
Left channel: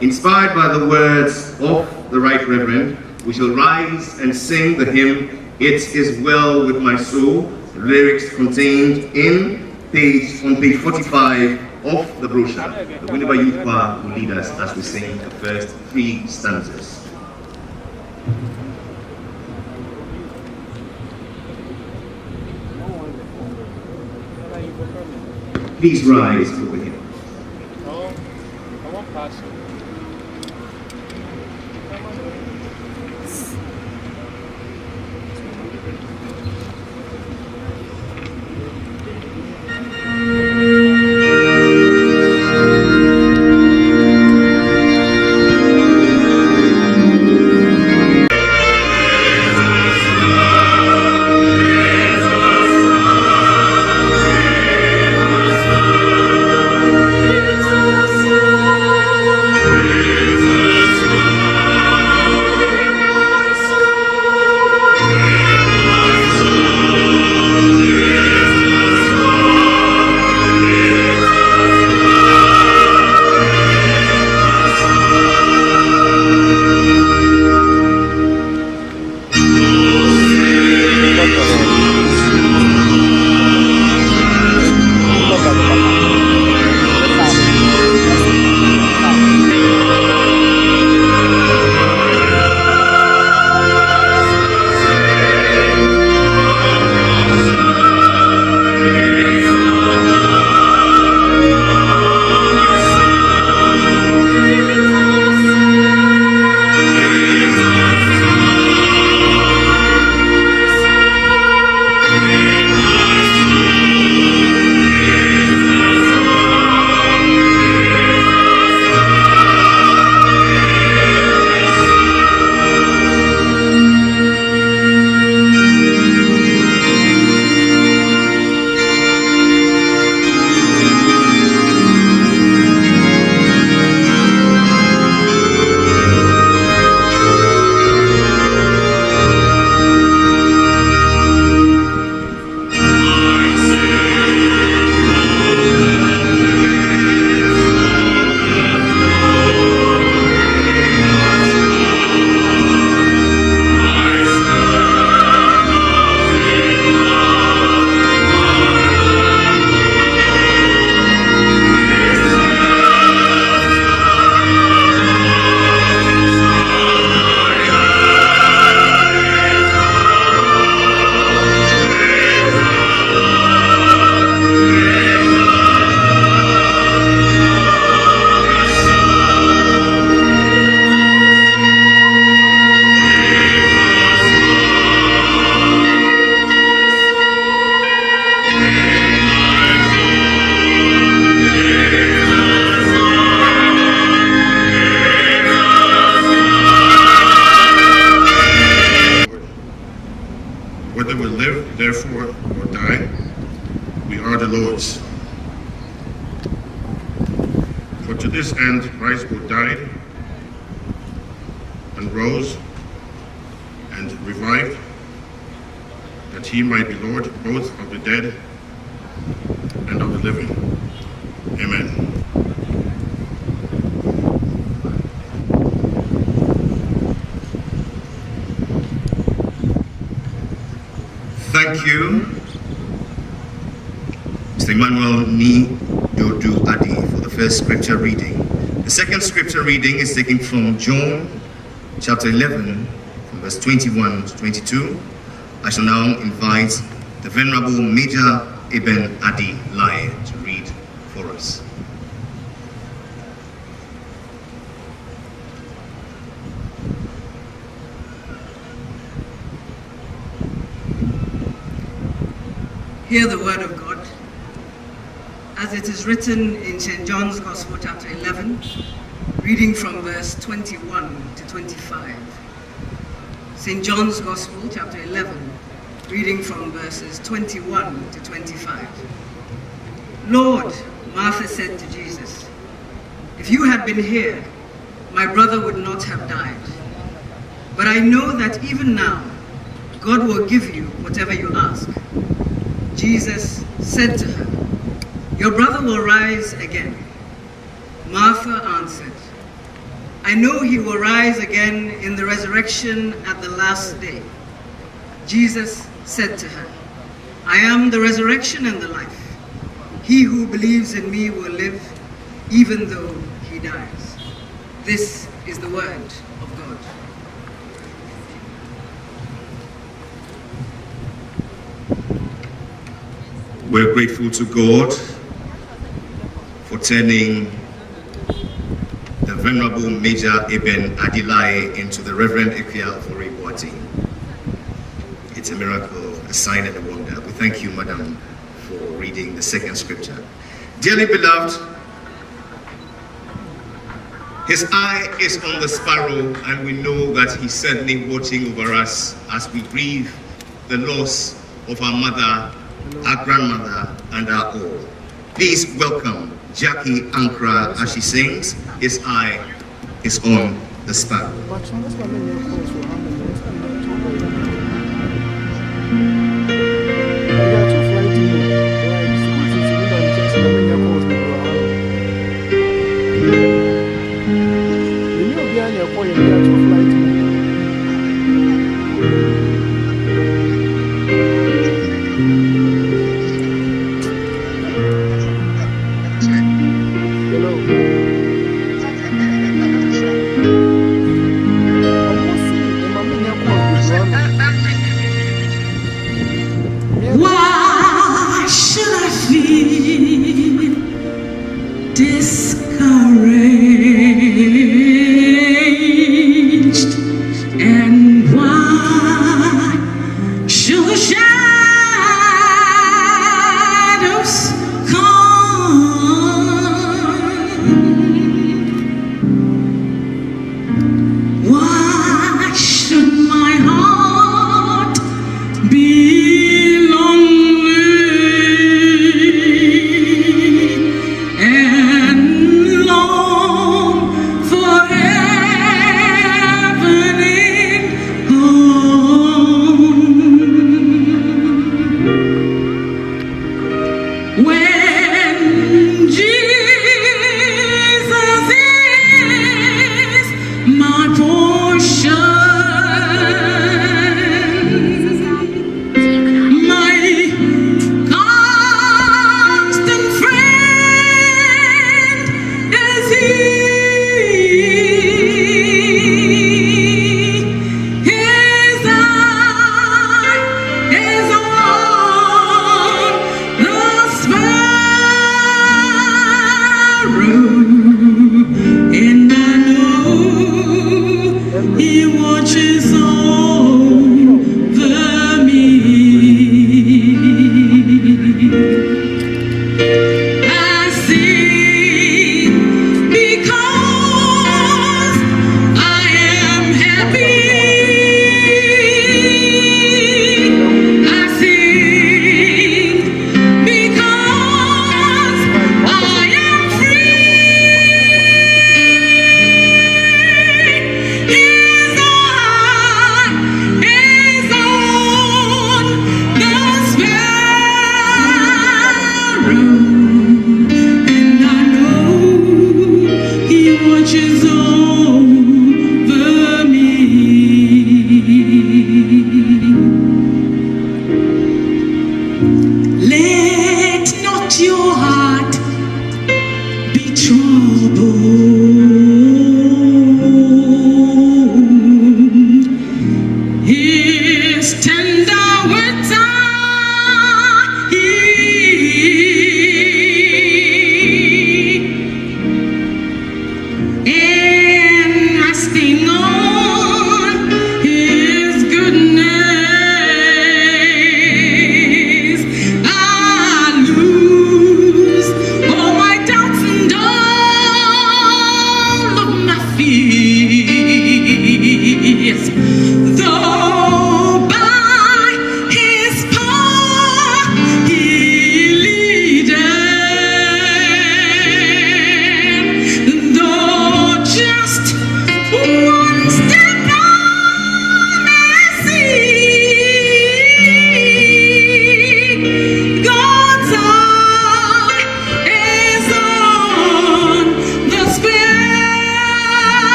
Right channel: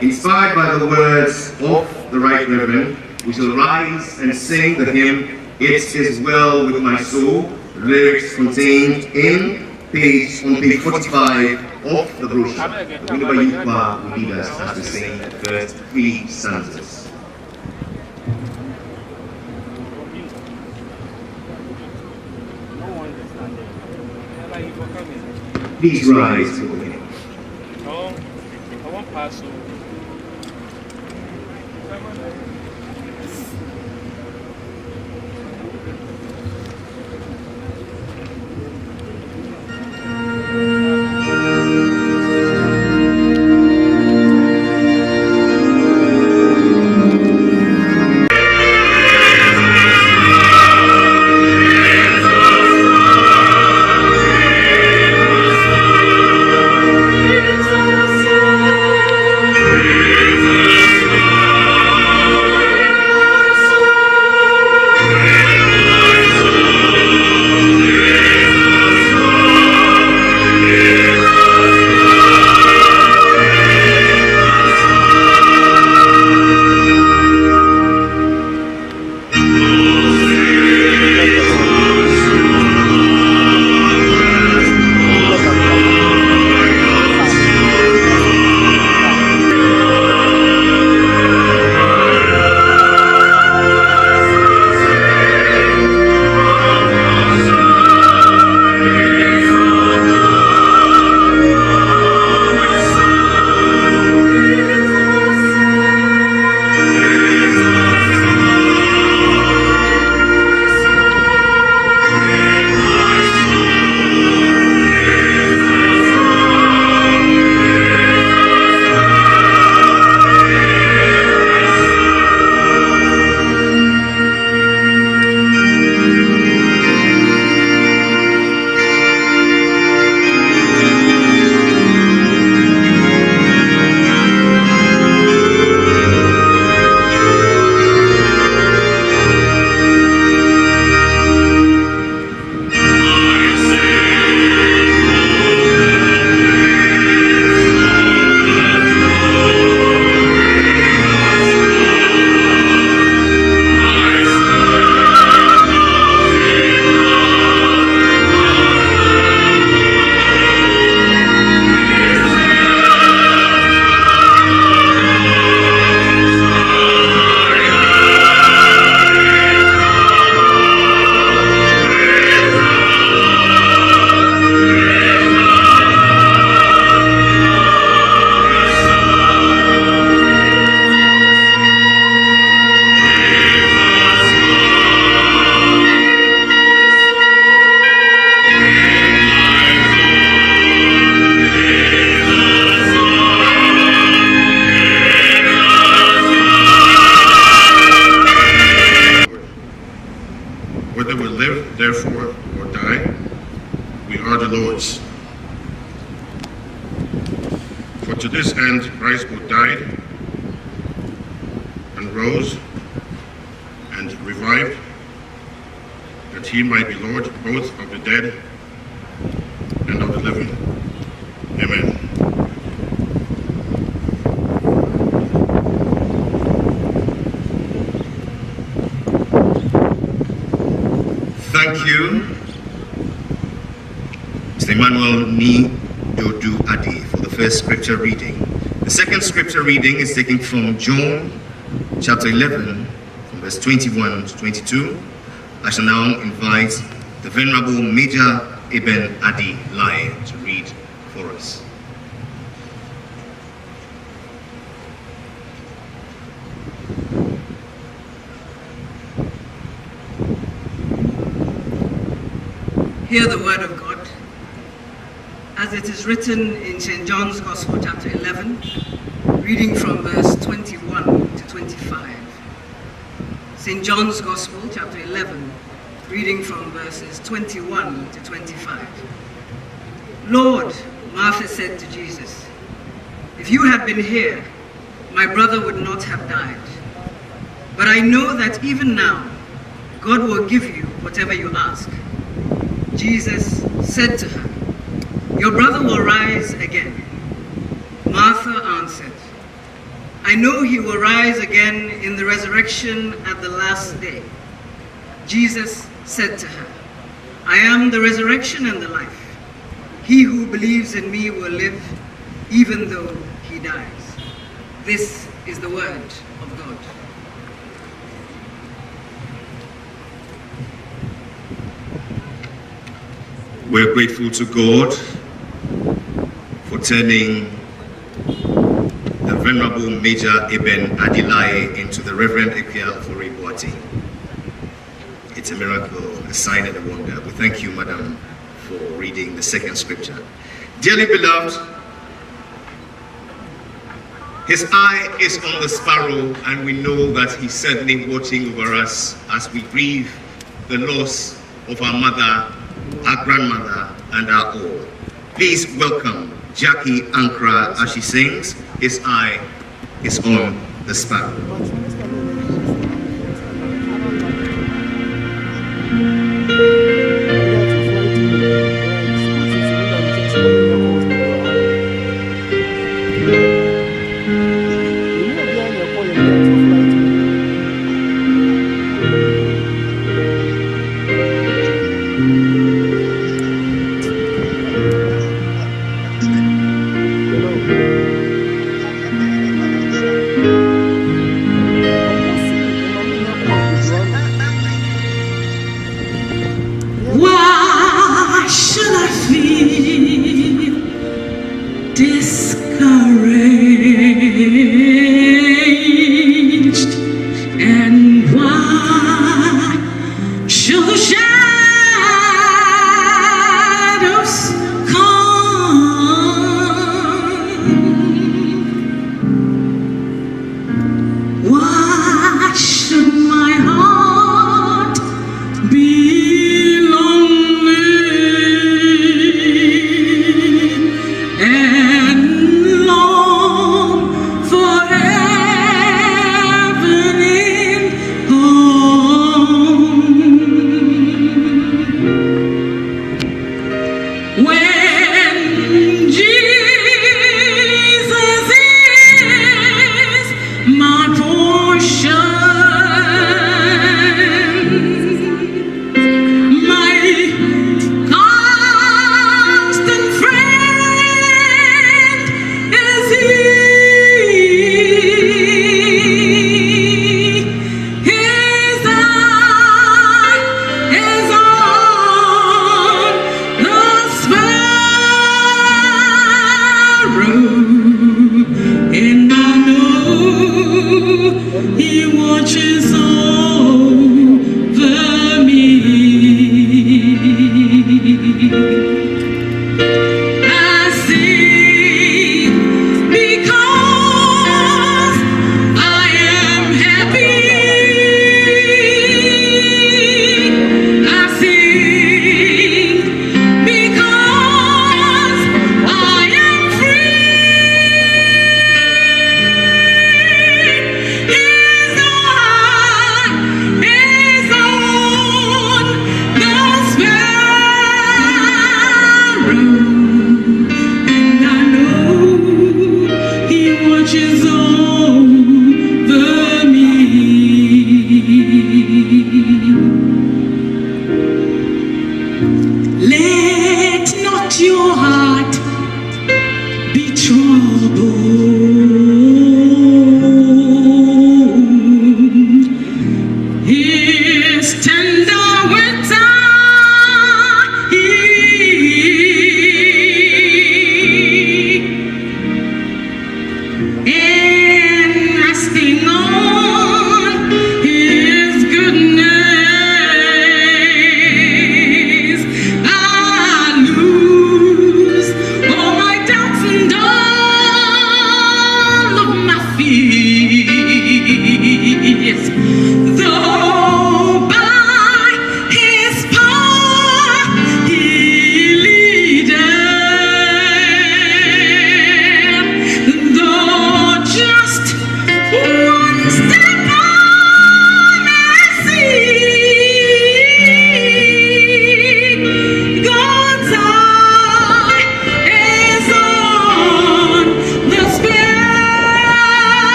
Inspired by the words of the Right Reverend, we shall rise and sing the hymn, It Is Well With My Soul, lyrics contained on page 45 of the brochure. The Winneba Youth Choir will lead us as we sing the first 3 stanzas. Please rise for the hymn. I won't pass you. For to this end Christ both died and rose and revived, that he might be Lord both of the dead and of the living. Amen. Thank you, Mr. Emmanuel Ni Dodu Adi, for the first scripture reading. The second scripture reading is taken from John chapter 11, from verse 21 to 22. I shall now invite the Venerable Major Ibn Adi Lai to read for us. Hear the word of God, as it is written in St. John's Gospel, chapter 11, reading from verse 21 to 25. St. John's Gospel, chapter 11, reading from verses 21 to 25. Lord, Martha said to Jesus, if you had been here, my brother would not have died. But I know that even now, God will give you whatever you ask. Jesus said to her, your brother will rise again. Martha answered, I know he will rise again in the resurrection at the last day. Jesus said to her, I am the resurrection and the life. He who believes in me will live even though he dies. This is the word of God. We're grateful to God for turning the Venerable Major Ibn Adilai into the Reverend Ekia of Oribuati. It's a miracle, a sign and a wonder. We thank you, Madam, for reading the second scripture. Dearly beloved, his eye is on the sparrow, and we know that he's certainly watching over us as we grieve the loss of our mother, our grandmother, and our all. Please welcome Jackie Ankra as she sings, His Eye is on the Sparrow. Why should I feel discouraged? And why should the shadows come? Why should my heart be lonely and long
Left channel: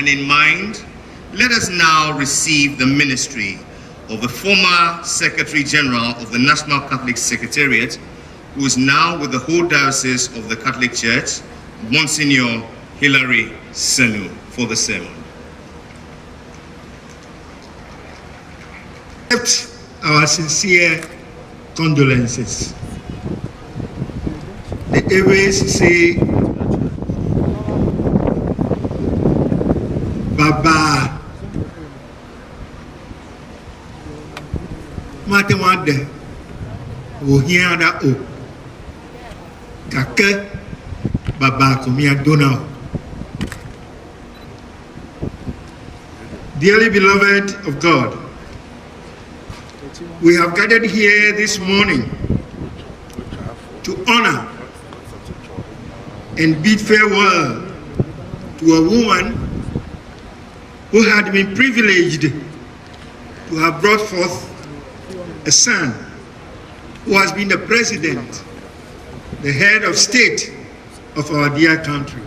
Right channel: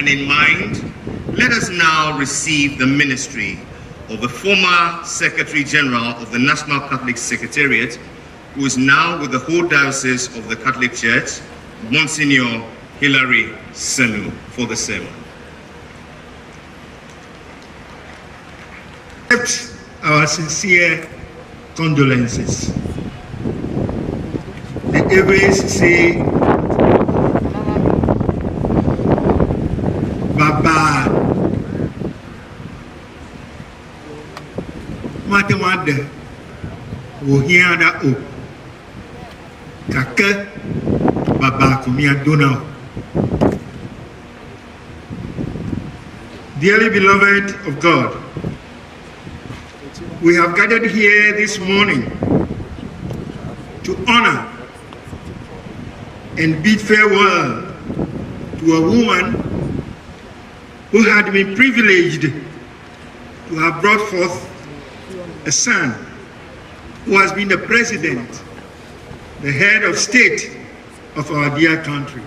and in mind, let us now receive the ministry of the former Secretary General of the National Catholic Secretariat, who is now with the whole Diocese of the Catholic Church, Monsignor Hilary Senu, for the sermon. Accept our sincere condolences. The Eves say, Baba Matewade Wohiana O Kake Baba Kumia Donau. Dearly beloved of God, we have gathered here this morning to honor and bid farewell to a woman who had been privileged to have brought forth a son who has been the president, the head of state of our dear country,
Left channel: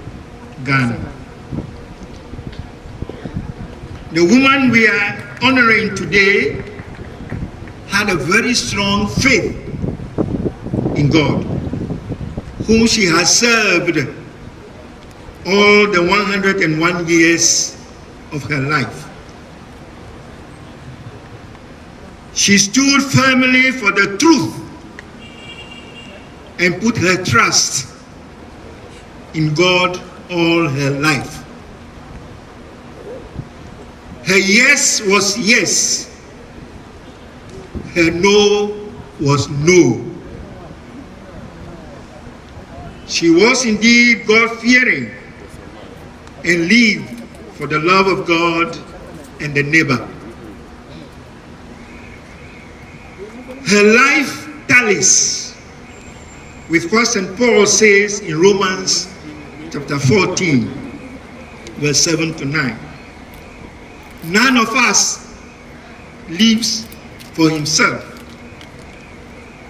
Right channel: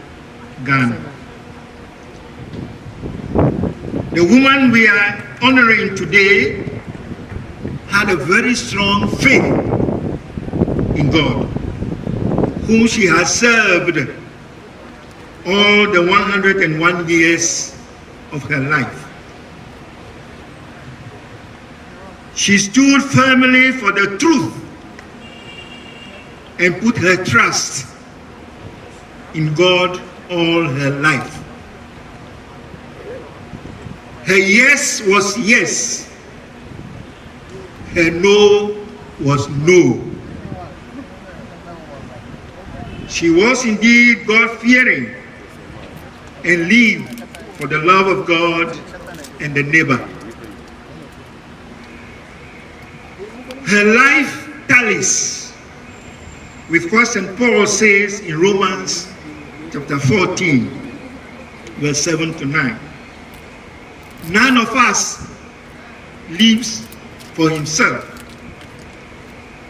Ghana. The woman we are honoring today had a very strong faith in God, whom she has served all the 101 years of her life. She stood firmly for the truth and put her trust in God all her life. Her yes was yes. Her no was no. She was indeed God-fearing and lived for the love of God and the neighbor. Her life tallies with what St. Paul says in Romans chapter 14, verse 7 to 9. None of us lives for himself,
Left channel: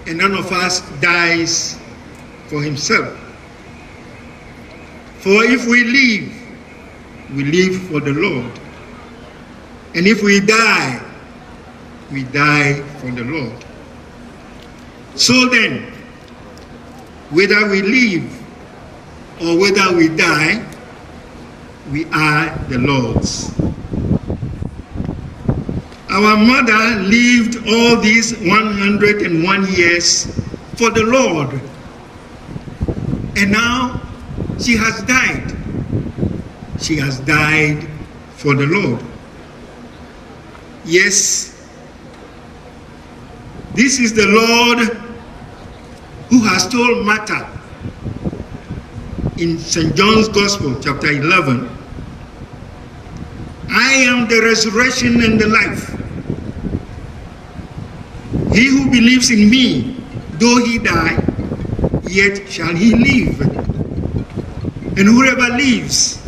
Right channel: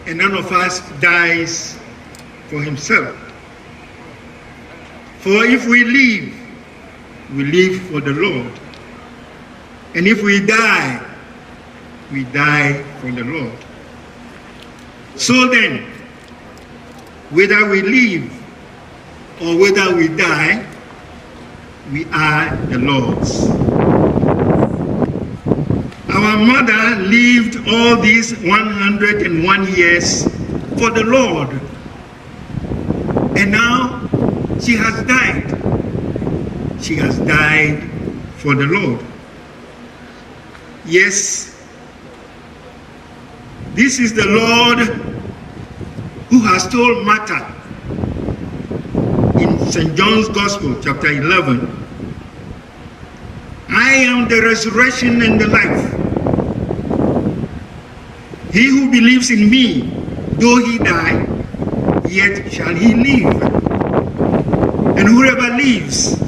and none of us dies for himself. For if we live for the Lord. And if we die for the Lord. So then, whether we live or whether we die, we are the Lord's. Our mother lived all these 101 years for the Lord. And now she has died. She has died for the Lord. Yes, this is the Lord who has told Martha in St. John's Gospel, chapter 11, I am the resurrection and the life. He who believes in me, though he die, yet shall he live. And whoever lives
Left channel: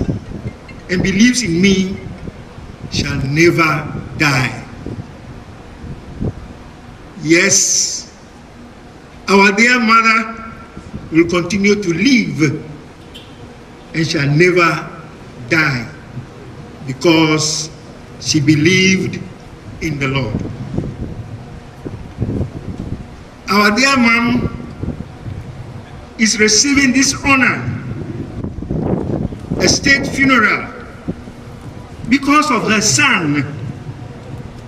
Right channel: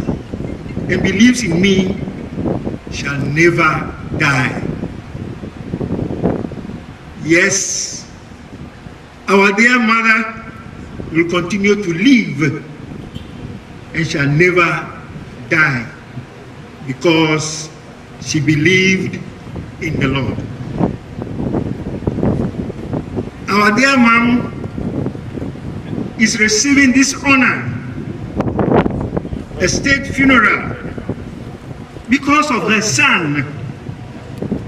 and believes in me shall never die. Yes, our dear mother will continue to live and shall never die because she believed in the Lord. Our dear mom is receiving this honor, a state funeral, because of her son,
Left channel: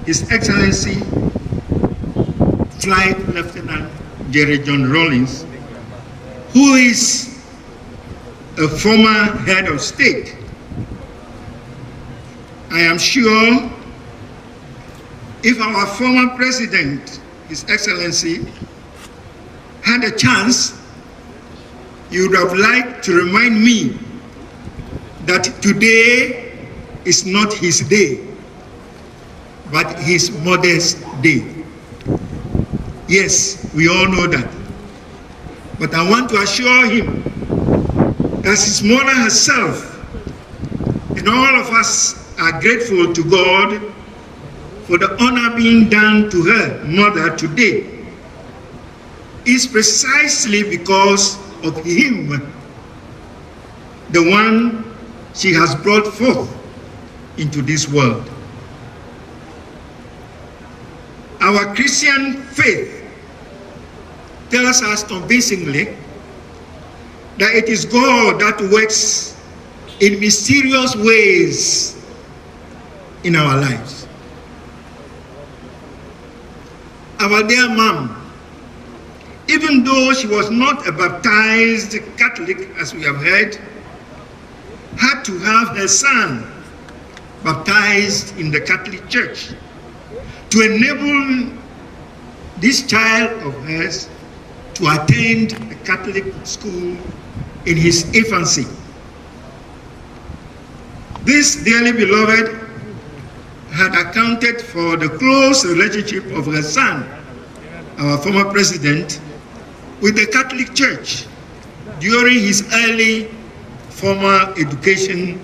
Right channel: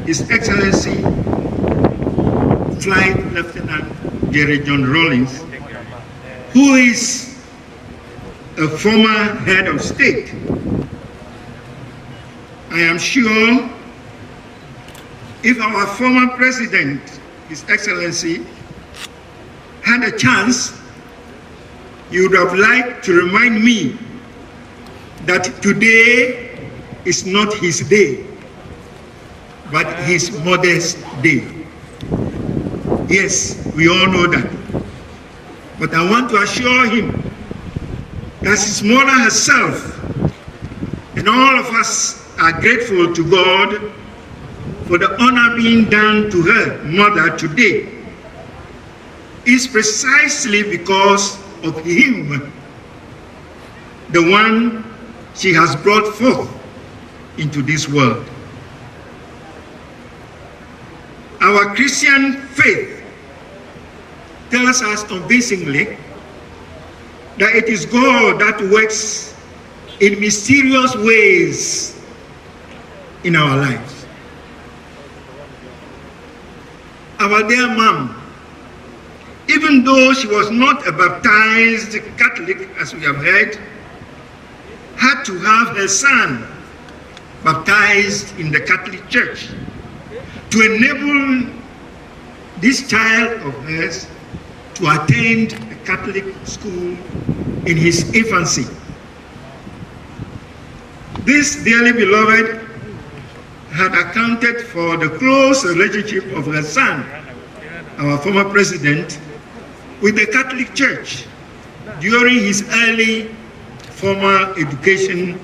His Excellency Flight Lieutenant Jerry John Rawlins, who is a former head of state. I am sure if our former president, His Excellency, had a chance, he would have liked to remind me that today is not his day, but his mother's day. Yes, we all know that. But I want to assure him that his mother herself and all of us are grateful to God for the honor being done to her mother today. Is precisely because of him, the one she has brought forth into this world. Our Christian faith tells us convincingly that it is God that works in mysterious ways in our lives. Our dear mom, even though she was not a baptized Catholic, as we have heard, had to have her son baptized in the Catholic Church to enable this child of hers to attend a Catholic school in his infancy. This dearly beloved had accounted for the close relationship of her son, our former president, with the Catholic Church during his early formal education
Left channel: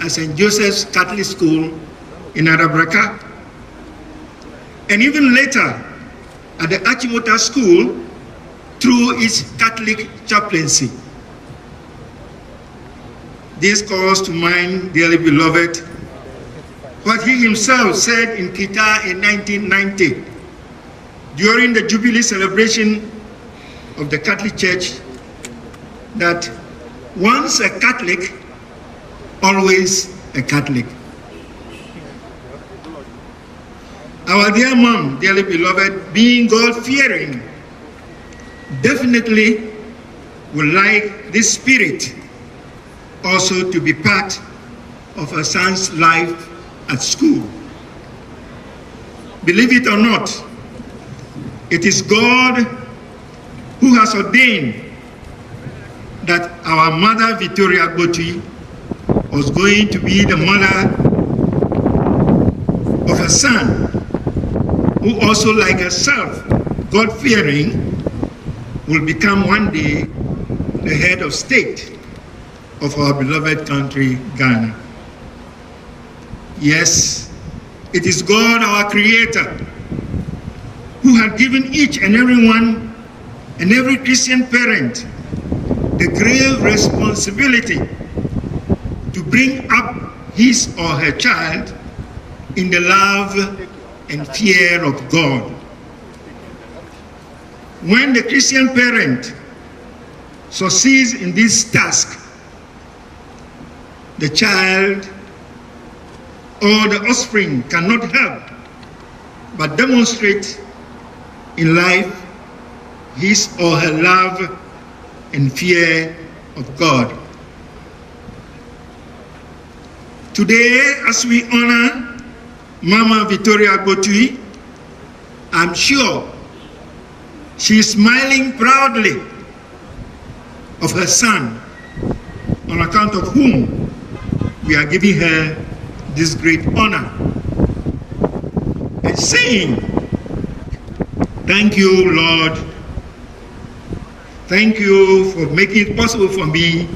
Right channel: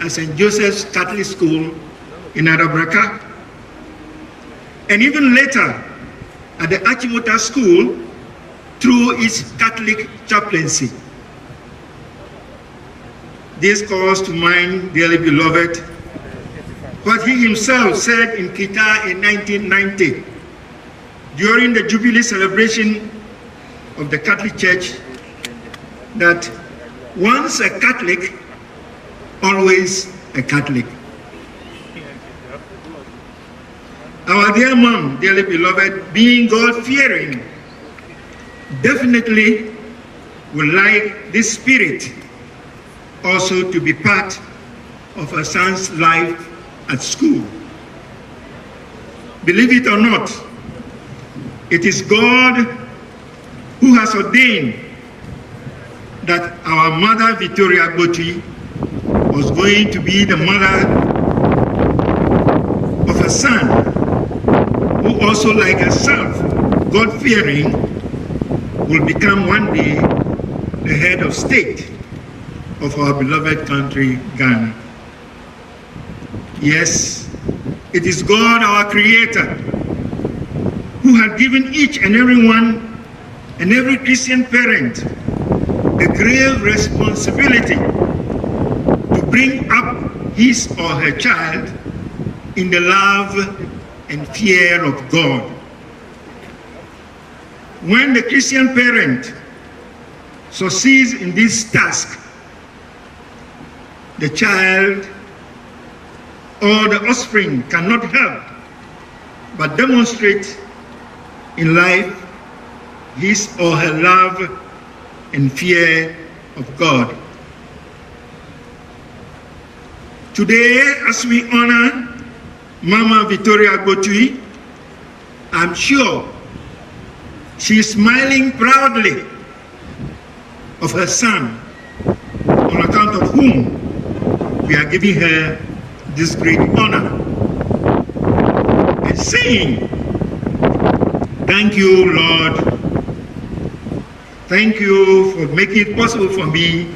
at St. Joseph's Catholic School in Arabraka, and even later at the Achimota School through its Catholic chaplaincy. This calls to mind, dearly beloved, what he himself said in Kita in 1990 during the Jubilee celebration of the Catholic Church, that once a Catholic, always a Catholic. Our dear mom, dearly beloved, being God-fearing, definitely would like this spirit also to be part of her son's life at school. Believe it or not, it is God who has ordained that our mother, Victoria Goti, was going to be the mother of a son who also, like herself, God-fearing, will become one day the head of state of our beloved country, Ghana. Yes, it is God, our Creator, who had given each and every one and every Christian parent the grave responsibility to bring up his or her child in the love and fear of God. When the Christian parent succeeds in this task, the child or the offspring cannot help but demonstrate in life his or her love and fear of God. Today, as we honor Mama Victoria Gotui, I'm sure she is smiling proudly of her son, on account of whom we are giving her this great honor, and saying, thank you, Lord. Thank you for making it possible for me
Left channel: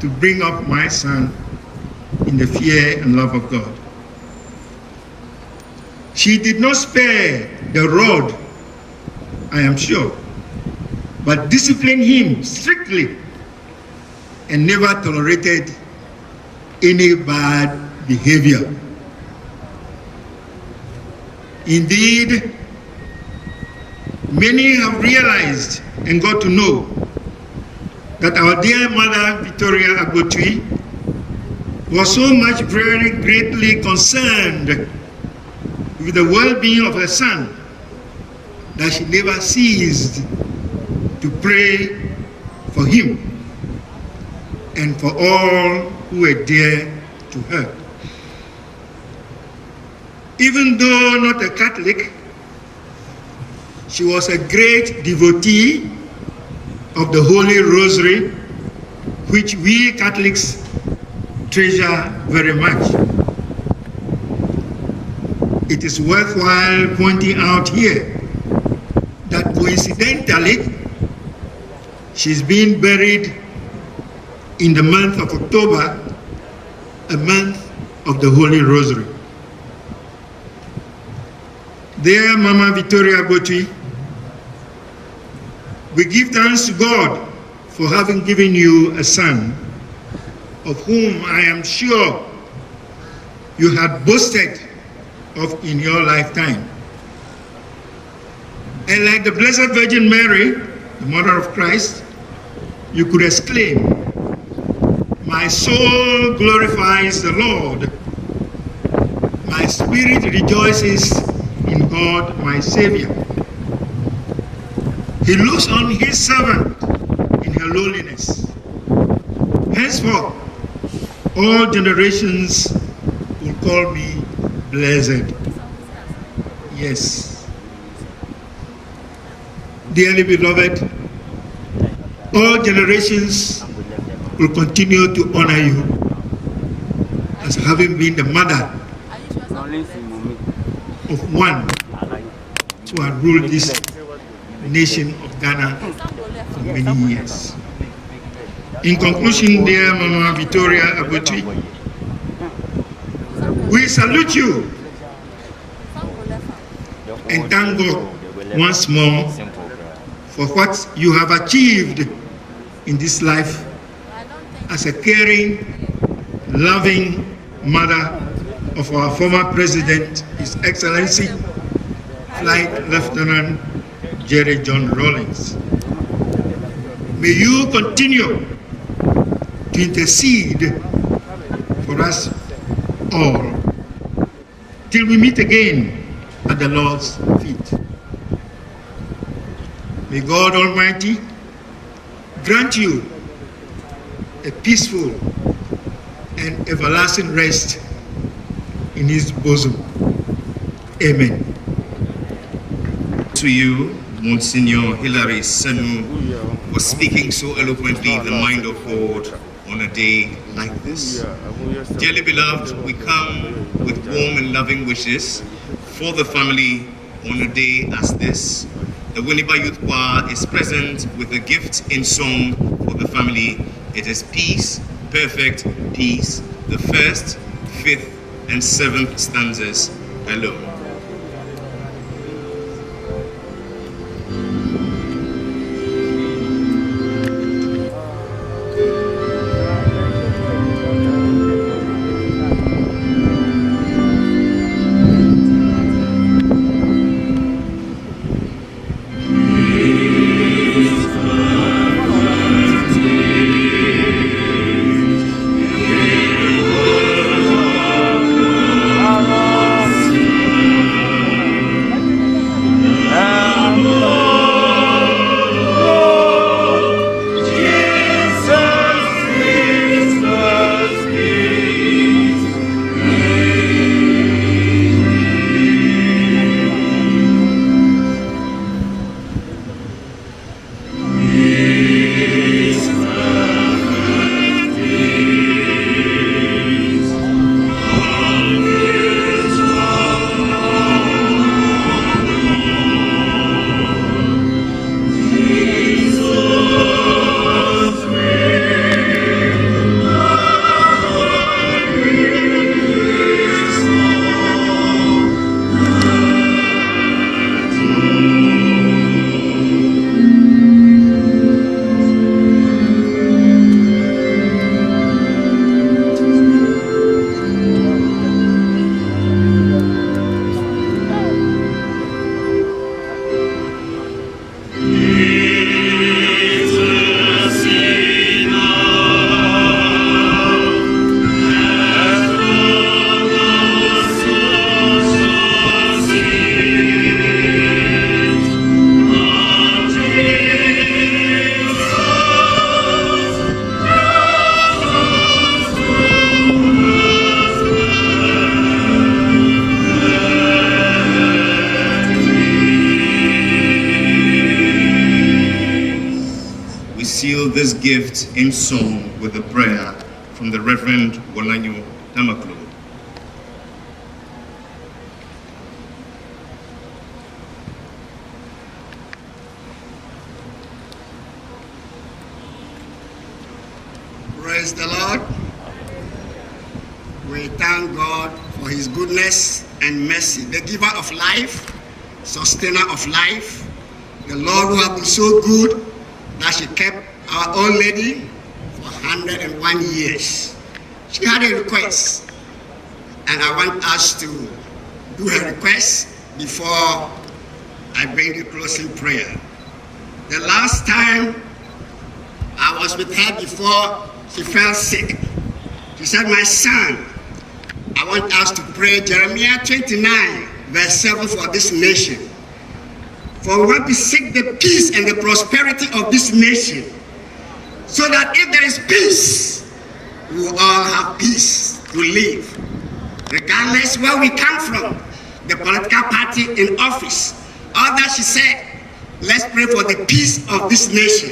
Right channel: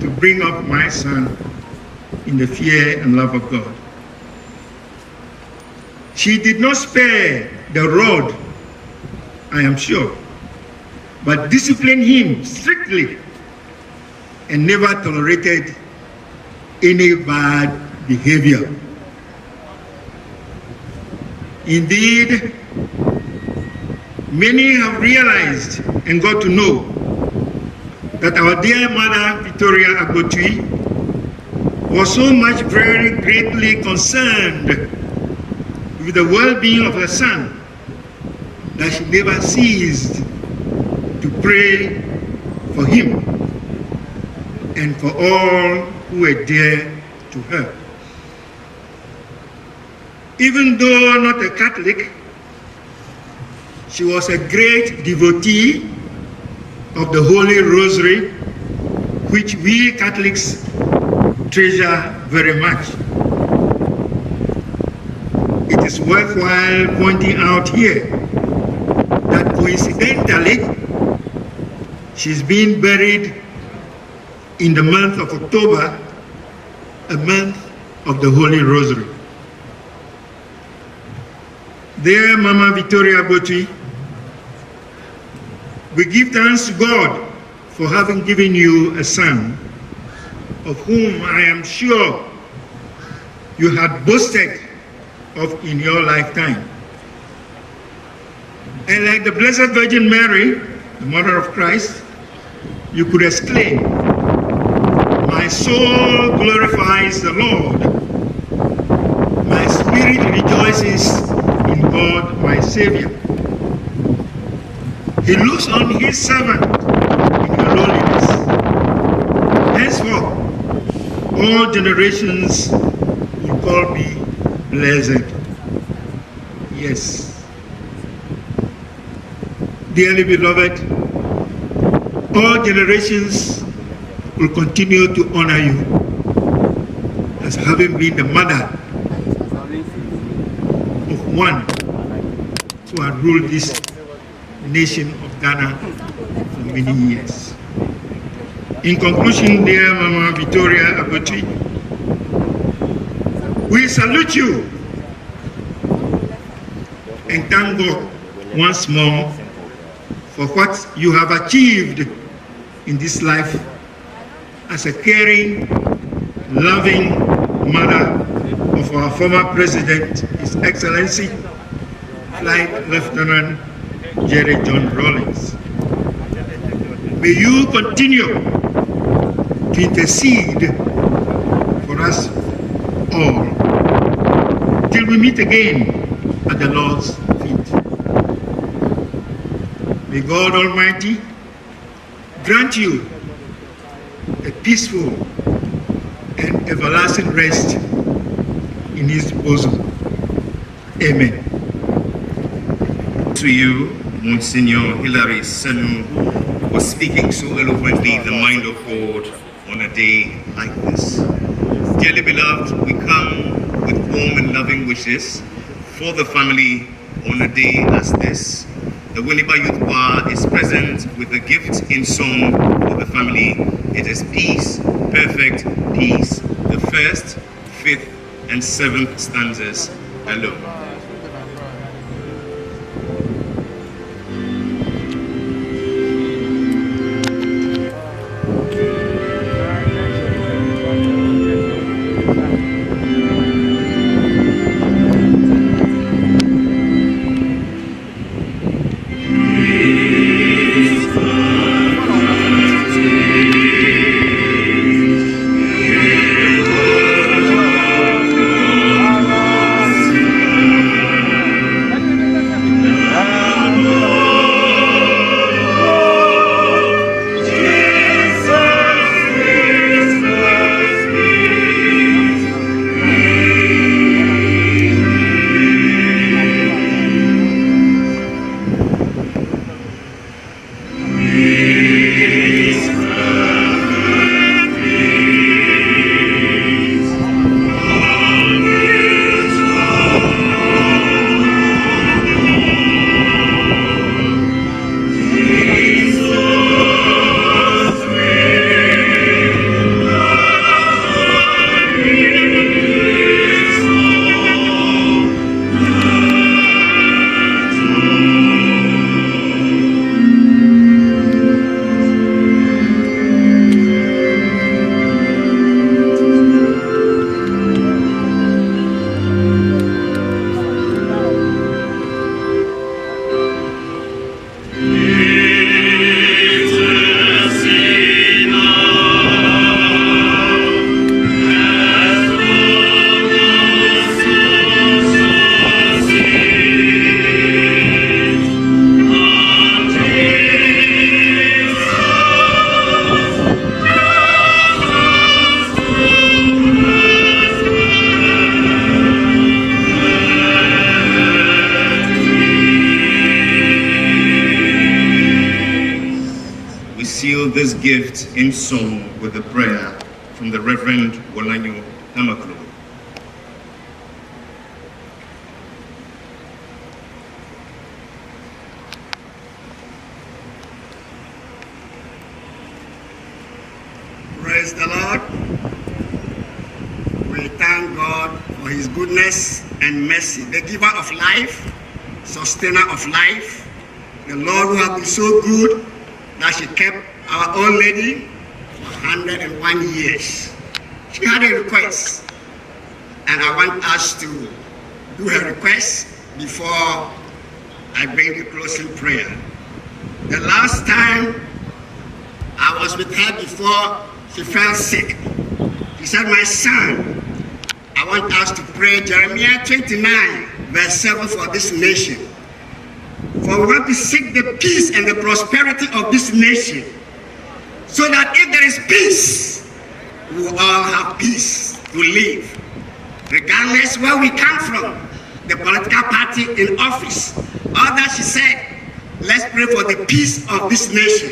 to bring up my son in the fear and love of God. She did not spare the rod, I am sure, but disciplined him strictly and never tolerated any bad behavior. Indeed, many have realized and got to know that our dear mother, Victoria Agotui, was so much very greatly concerned with the well-being of her son that she never ceased to pray for him and for all who were dear to her. Even though not a Catholic, she was a great devotee of the Holy Rosary, which we Catholics treasure very much. It is worthwhile pointing out here that coincidentally, she's been buried in the month of October, a month of the Holy Rosary. Dear Mama Victoria Gotui, we give thanks to God for having given you a son, of whom I am sure you had boasted of in your lifetime. And like the Blessed Virgin Mary, the Mother of Christ, you could exclaim, my soul glorifies the Lord. My spirit rejoices in God, my Savior. He looks on his servant in your lowliness. Henceforth, all generations will call me blessed. Yes. Dearly beloved, all generations will continue to honor you as having been the mother of one who has ruled this nation of Ghana for many years. In conclusion, dear Mama Victoria Agotui, we salute you and thank God once more for what you have achieved in this life as a caring, loving mother of our former President, His Excellency, Flight Lieutenant Jerry John Rawlins. May you continue to intercede for us all till we meet again at the Lord's feet. May God Almighty grant you a peaceful and everlasting rest in his bosom. Amen. To you, Monsignor Hilary Senu, for speaking so eloquently the mind of God on a day like this. Dearly beloved, we come with warm and loving wishes for the family on a day as this. The Winneba Youth Choir is present with a gift in song for the family. It is Peace, Perfect Peace, the 1st, 5th, and 7th stanzas alone. This gift in song with a prayer from the Reverend Wolanyo Damaklo. Praise the Lord. We thank God for his goodness and mercy, the giver of life, sustainer of life, the Lord who has been so good that she kept our old lady for 101 years. She had a request, and I want us to do her request before I bring the closing prayer. The last time I was with her before she fell sick, she said, "My son, I want us to pray Jeremiah 29, verse 7 for this nation. For we want to seek the peace and the prosperity of this nation, so that if there is peace, we will all have peace to live, regardless where we come from, the political party in office." All that she said, let's pray for the peace of this nation,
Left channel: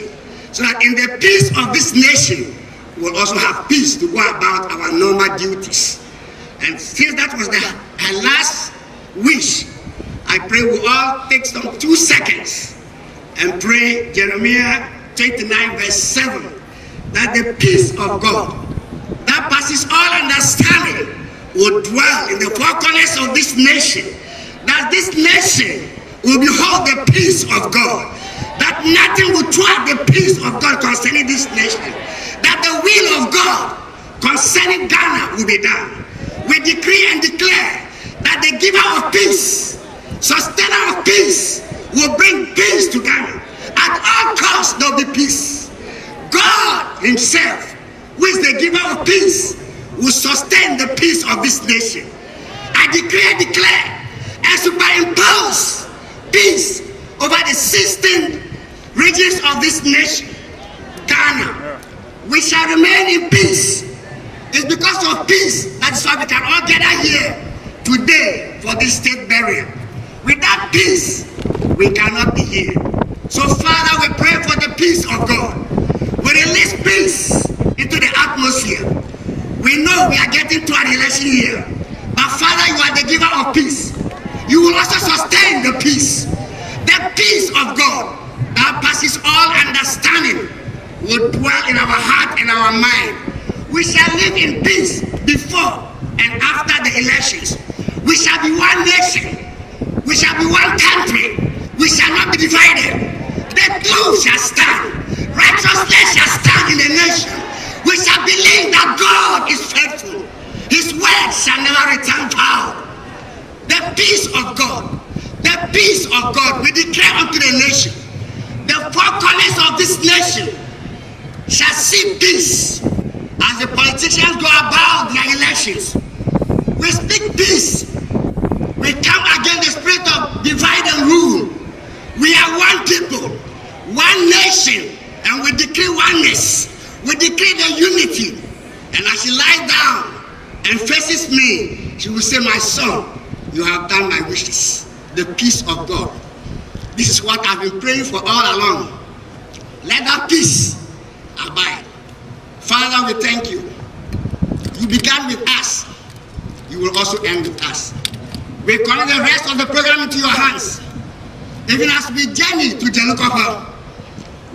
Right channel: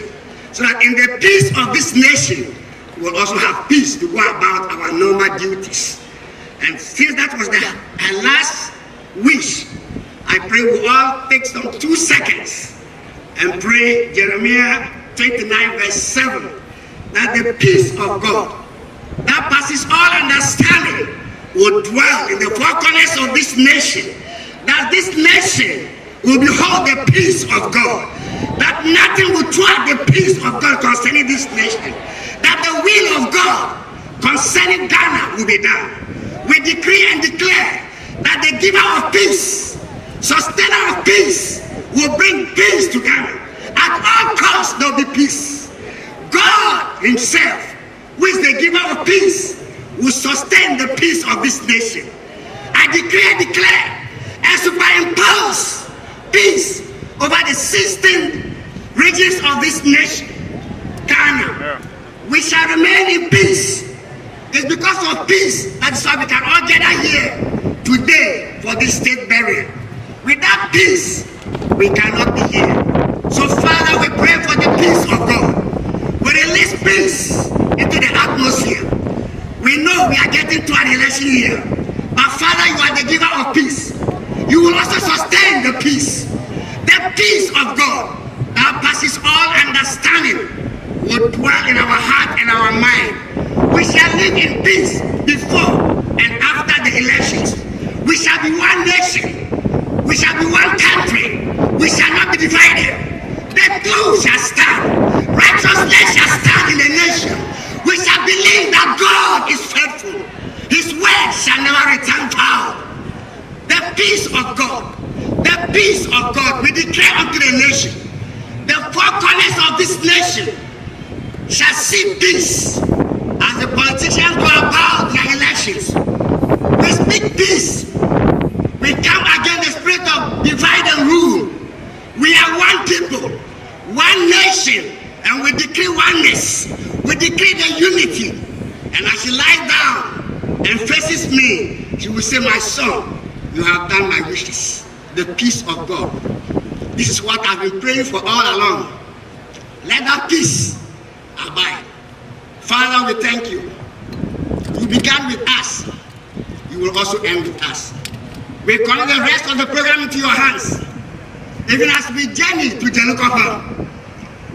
so that in the peace of this nation, we'll also have peace to go about our normal duties. And since that was her last wish, I pray we all take some 2 seconds and pray Jeremiah 29 verse 7, that the peace of God that passes all understanding will dwell in the four corners of this nation, that this nation will behold the peace of God, that nothing will thwart the peace of God concerning this nation, that the will of God concerning Ghana will be done. We decree and declare that the giver of peace, sustainer of peace, will bring peace to Ghana. At all costs there will be peace. God himself, who is the giver of peace, will sustain the peace of this nation. I decree and declare and superimpose peace over the 16 regions of this nation, Ghana. We shall remain in peace. It's because of peace that is why we can all gather here today for this state burial. Without peace, we cannot be here. So Father, we pray for the peace of God. We release peace into the atmosphere. We know we are getting to an election year, but Father, you are the giver of peace. You will also sustain the peace. The peace of God that passes all understanding will dwell in our heart and our mind. We shall live in peace before and after the elections. We shall be one nation. We shall be one country. We shall not be divided. The truth shall stand. Righteousness shall stand in the nation. We shall believe that God is faithful. His word shall never return void. The peace of God. The peace of God we declare unto the nation. The four corners of this nation shall see peace as the politicians go about their elections. We speak peace. We come against the spirit of divide and rule. We are one people, one nation, and we decree oneness. We decree the unity. And as she lies down and faces me, she will say, my son, you have done my wishes. The peace of God. This is what I've been praying for all along. Let that peace abide. Father, we thank you. You began with us. You will also end with us. We commit the rest of the program into your hands. Even as we journey to Jelukapa,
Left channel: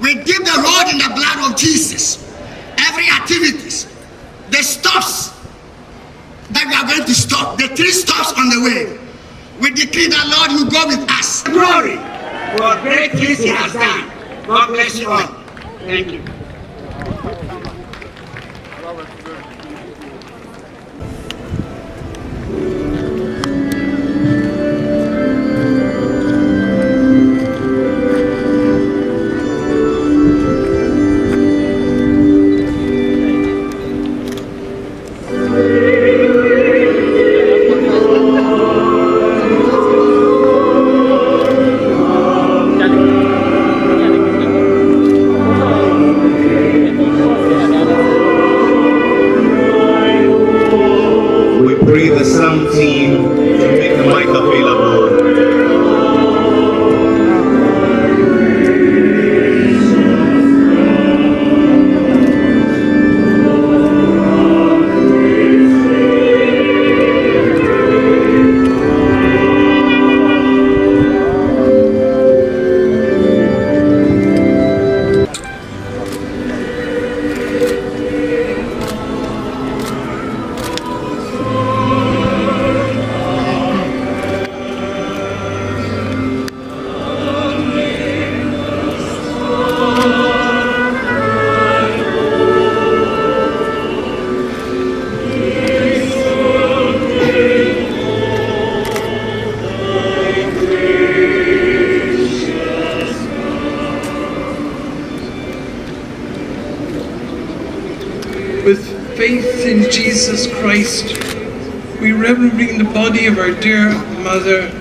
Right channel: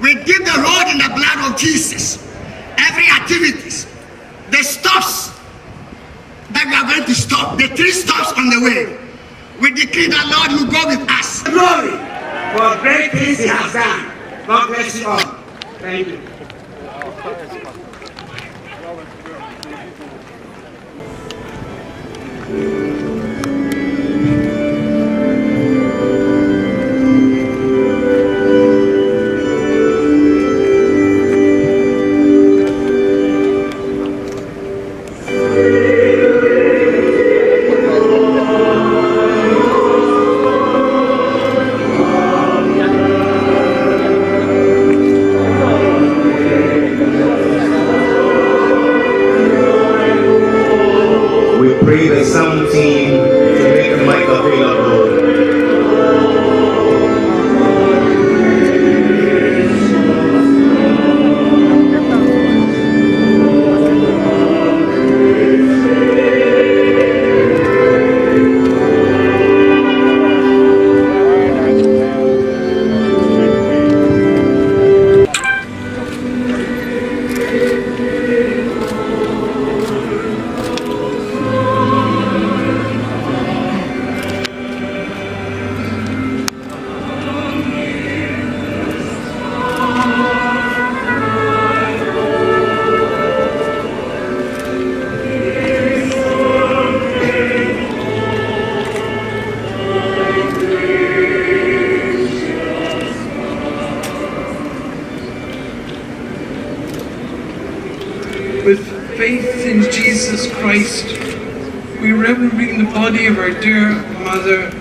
we dip the road in the blood of Jesus. Every activities, the stops that we are going to stop, the 3 stops on the way, we decree that Lord will go with us. Glory for great things He has done. God bless you all. Thank you. faith in Jesus Christ, we reverently bring the body of our dear mother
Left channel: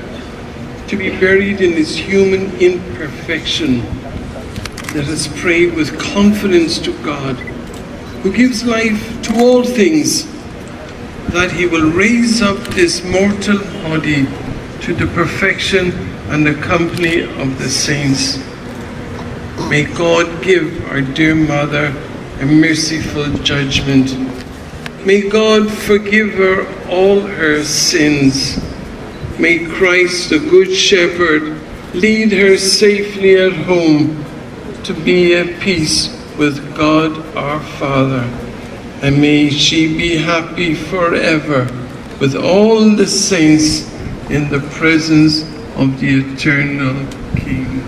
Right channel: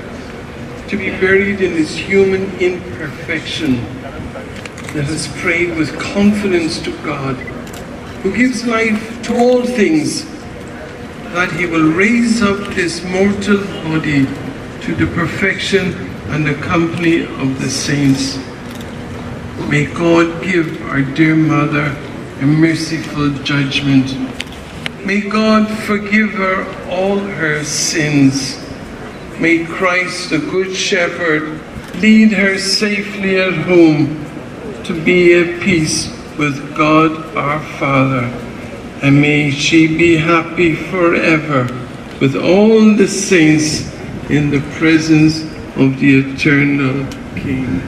to be buried in its human imperfection. Let us pray with confidence to God, who gives life to all things, that He will raise up this mortal body to the perfection and the company of the saints. May God give our dear mother a merciful judgment. May God forgive her all her sins. May Christ, the Good Shepherd, lead her safely at home to be at peace with God our Father. And may she be happy forever with all the saints in the presence of the eternal King.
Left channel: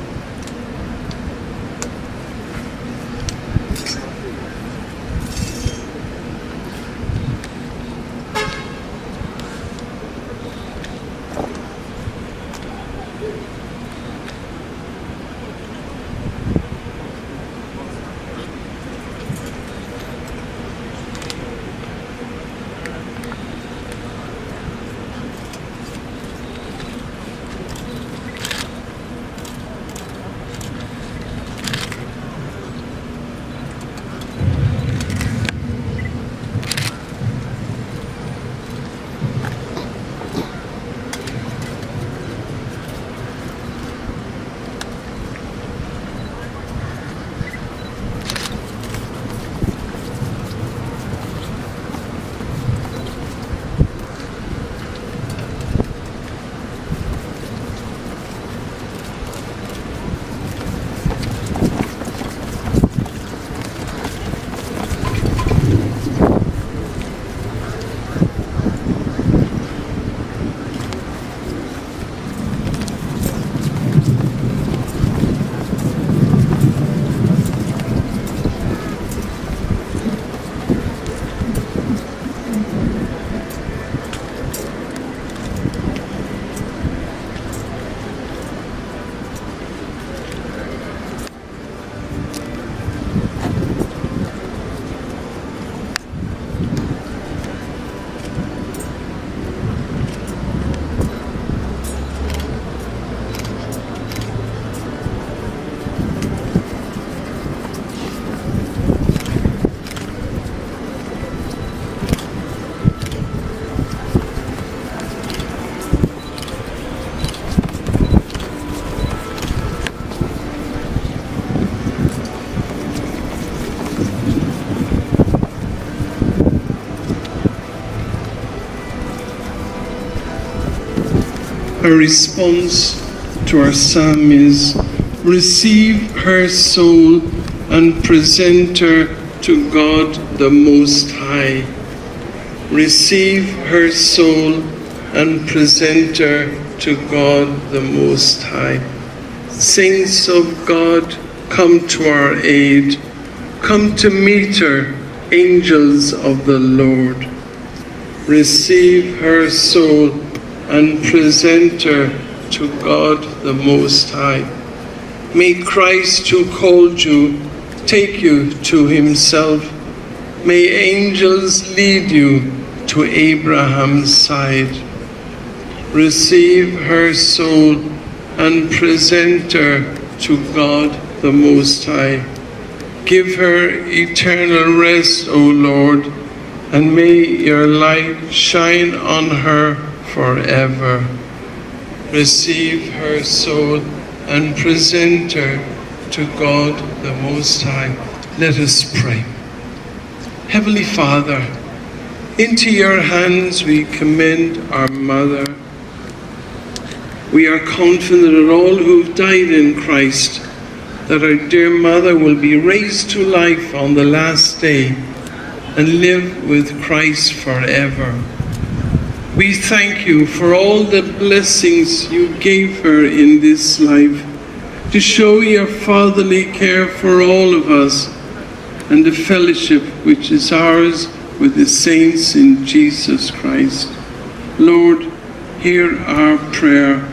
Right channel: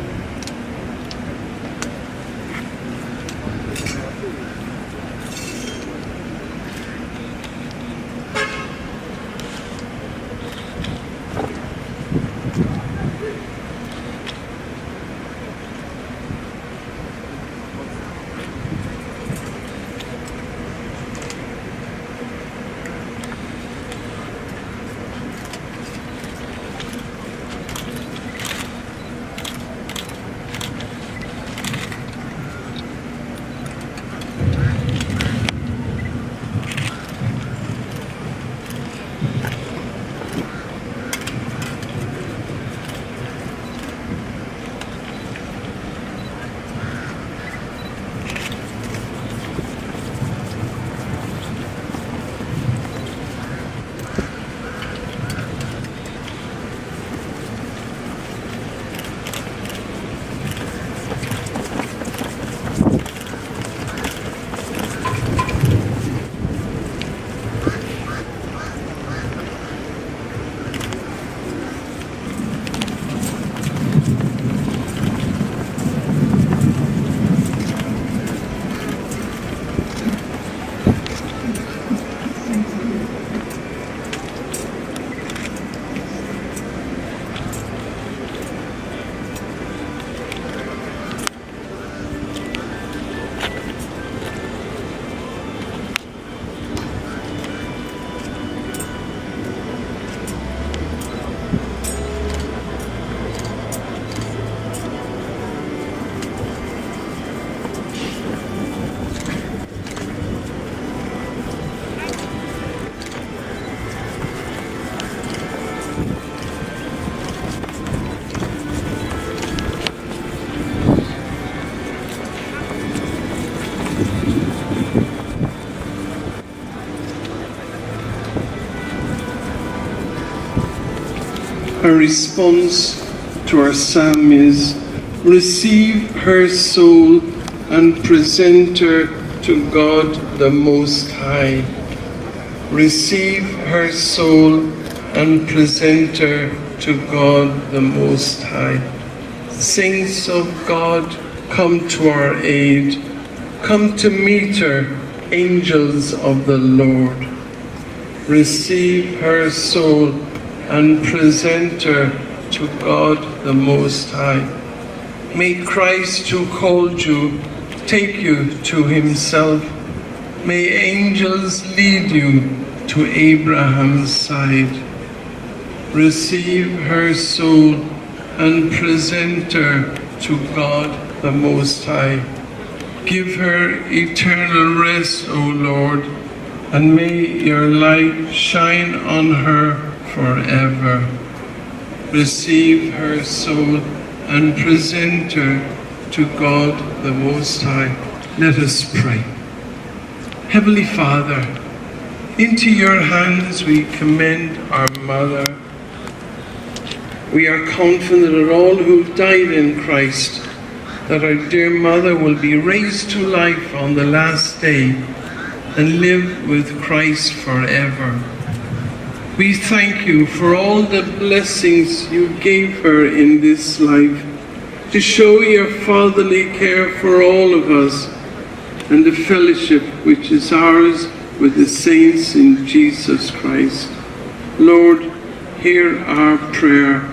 Our response to our psalm is, receive her soul and present her to God the Most High. Receive her soul and present her to God the Most High. Saints of God, come to our aid. Come to meet her, angels of the Lord. Receive her soul and present her to God the Most High. May Christ, who called you, take you to himself. May angels lead you to Abraham's side. Receive her soul and present her to God the Most High. Give her eternal rest, O Lord, and may your light shine on her forever. Receive her soul and present her to God the Most High. Let us pray. Heavenly Father, into your hands we commend our mother. We are confident that all who've died in Christ, that our dear mother will be raised to life on the last day and live with Christ forever. We thank you for all the blessings you gave her in this life, to show your fatherly care for all of us and the fellowship which is ours with the saints in Jesus Christ. Lord, hear our prayer.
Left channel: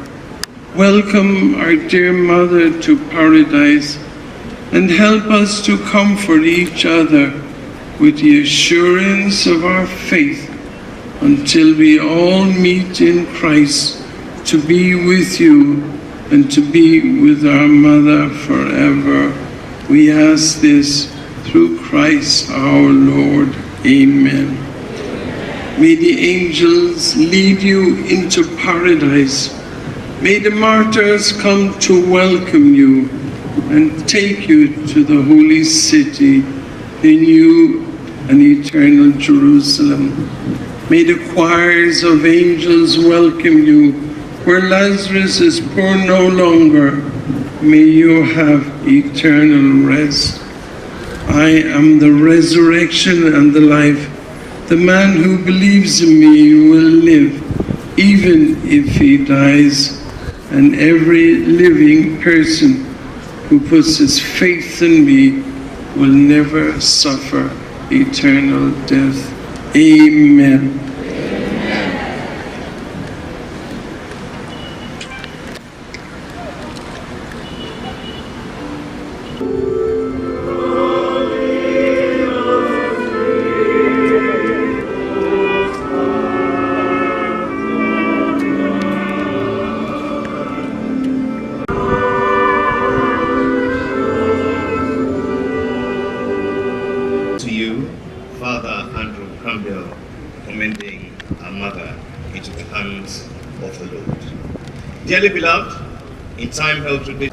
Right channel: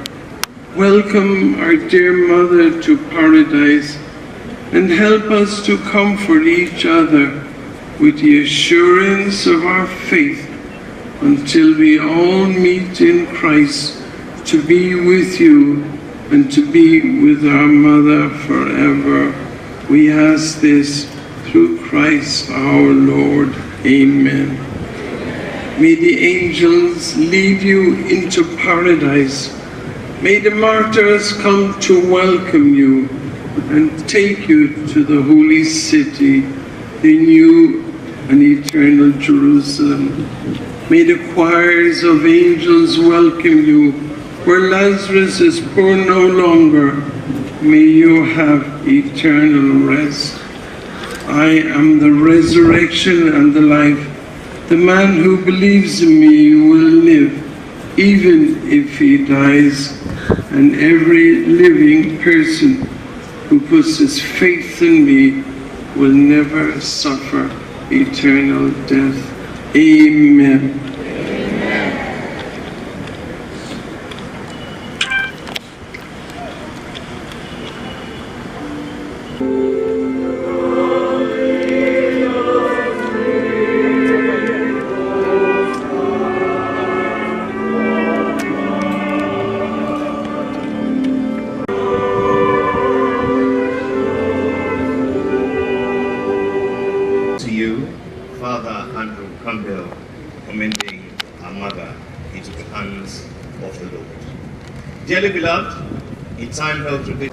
Welcome our dear mother to paradise and help us to comfort each other with the assurance of our faith until we all meet in Christ to be with you and to be with our mother forever. We ask this through Christ our Lord. Amen. May the angels lead you into paradise. May the martyrs come to welcome you and take you to the holy city, in new and eternal Jerusalem. May the choirs of angels welcome you. Where Lazarus is poor no longer, may you have eternal rest. I am the resurrection and the life. The man who believes in me will live, even if he dies. And every living person who puts his faith in me will never suffer eternal death. Amen. To you, Father Andrew Campbell, commending our mother into the hands of the Lord. Dearly beloved, in time held today,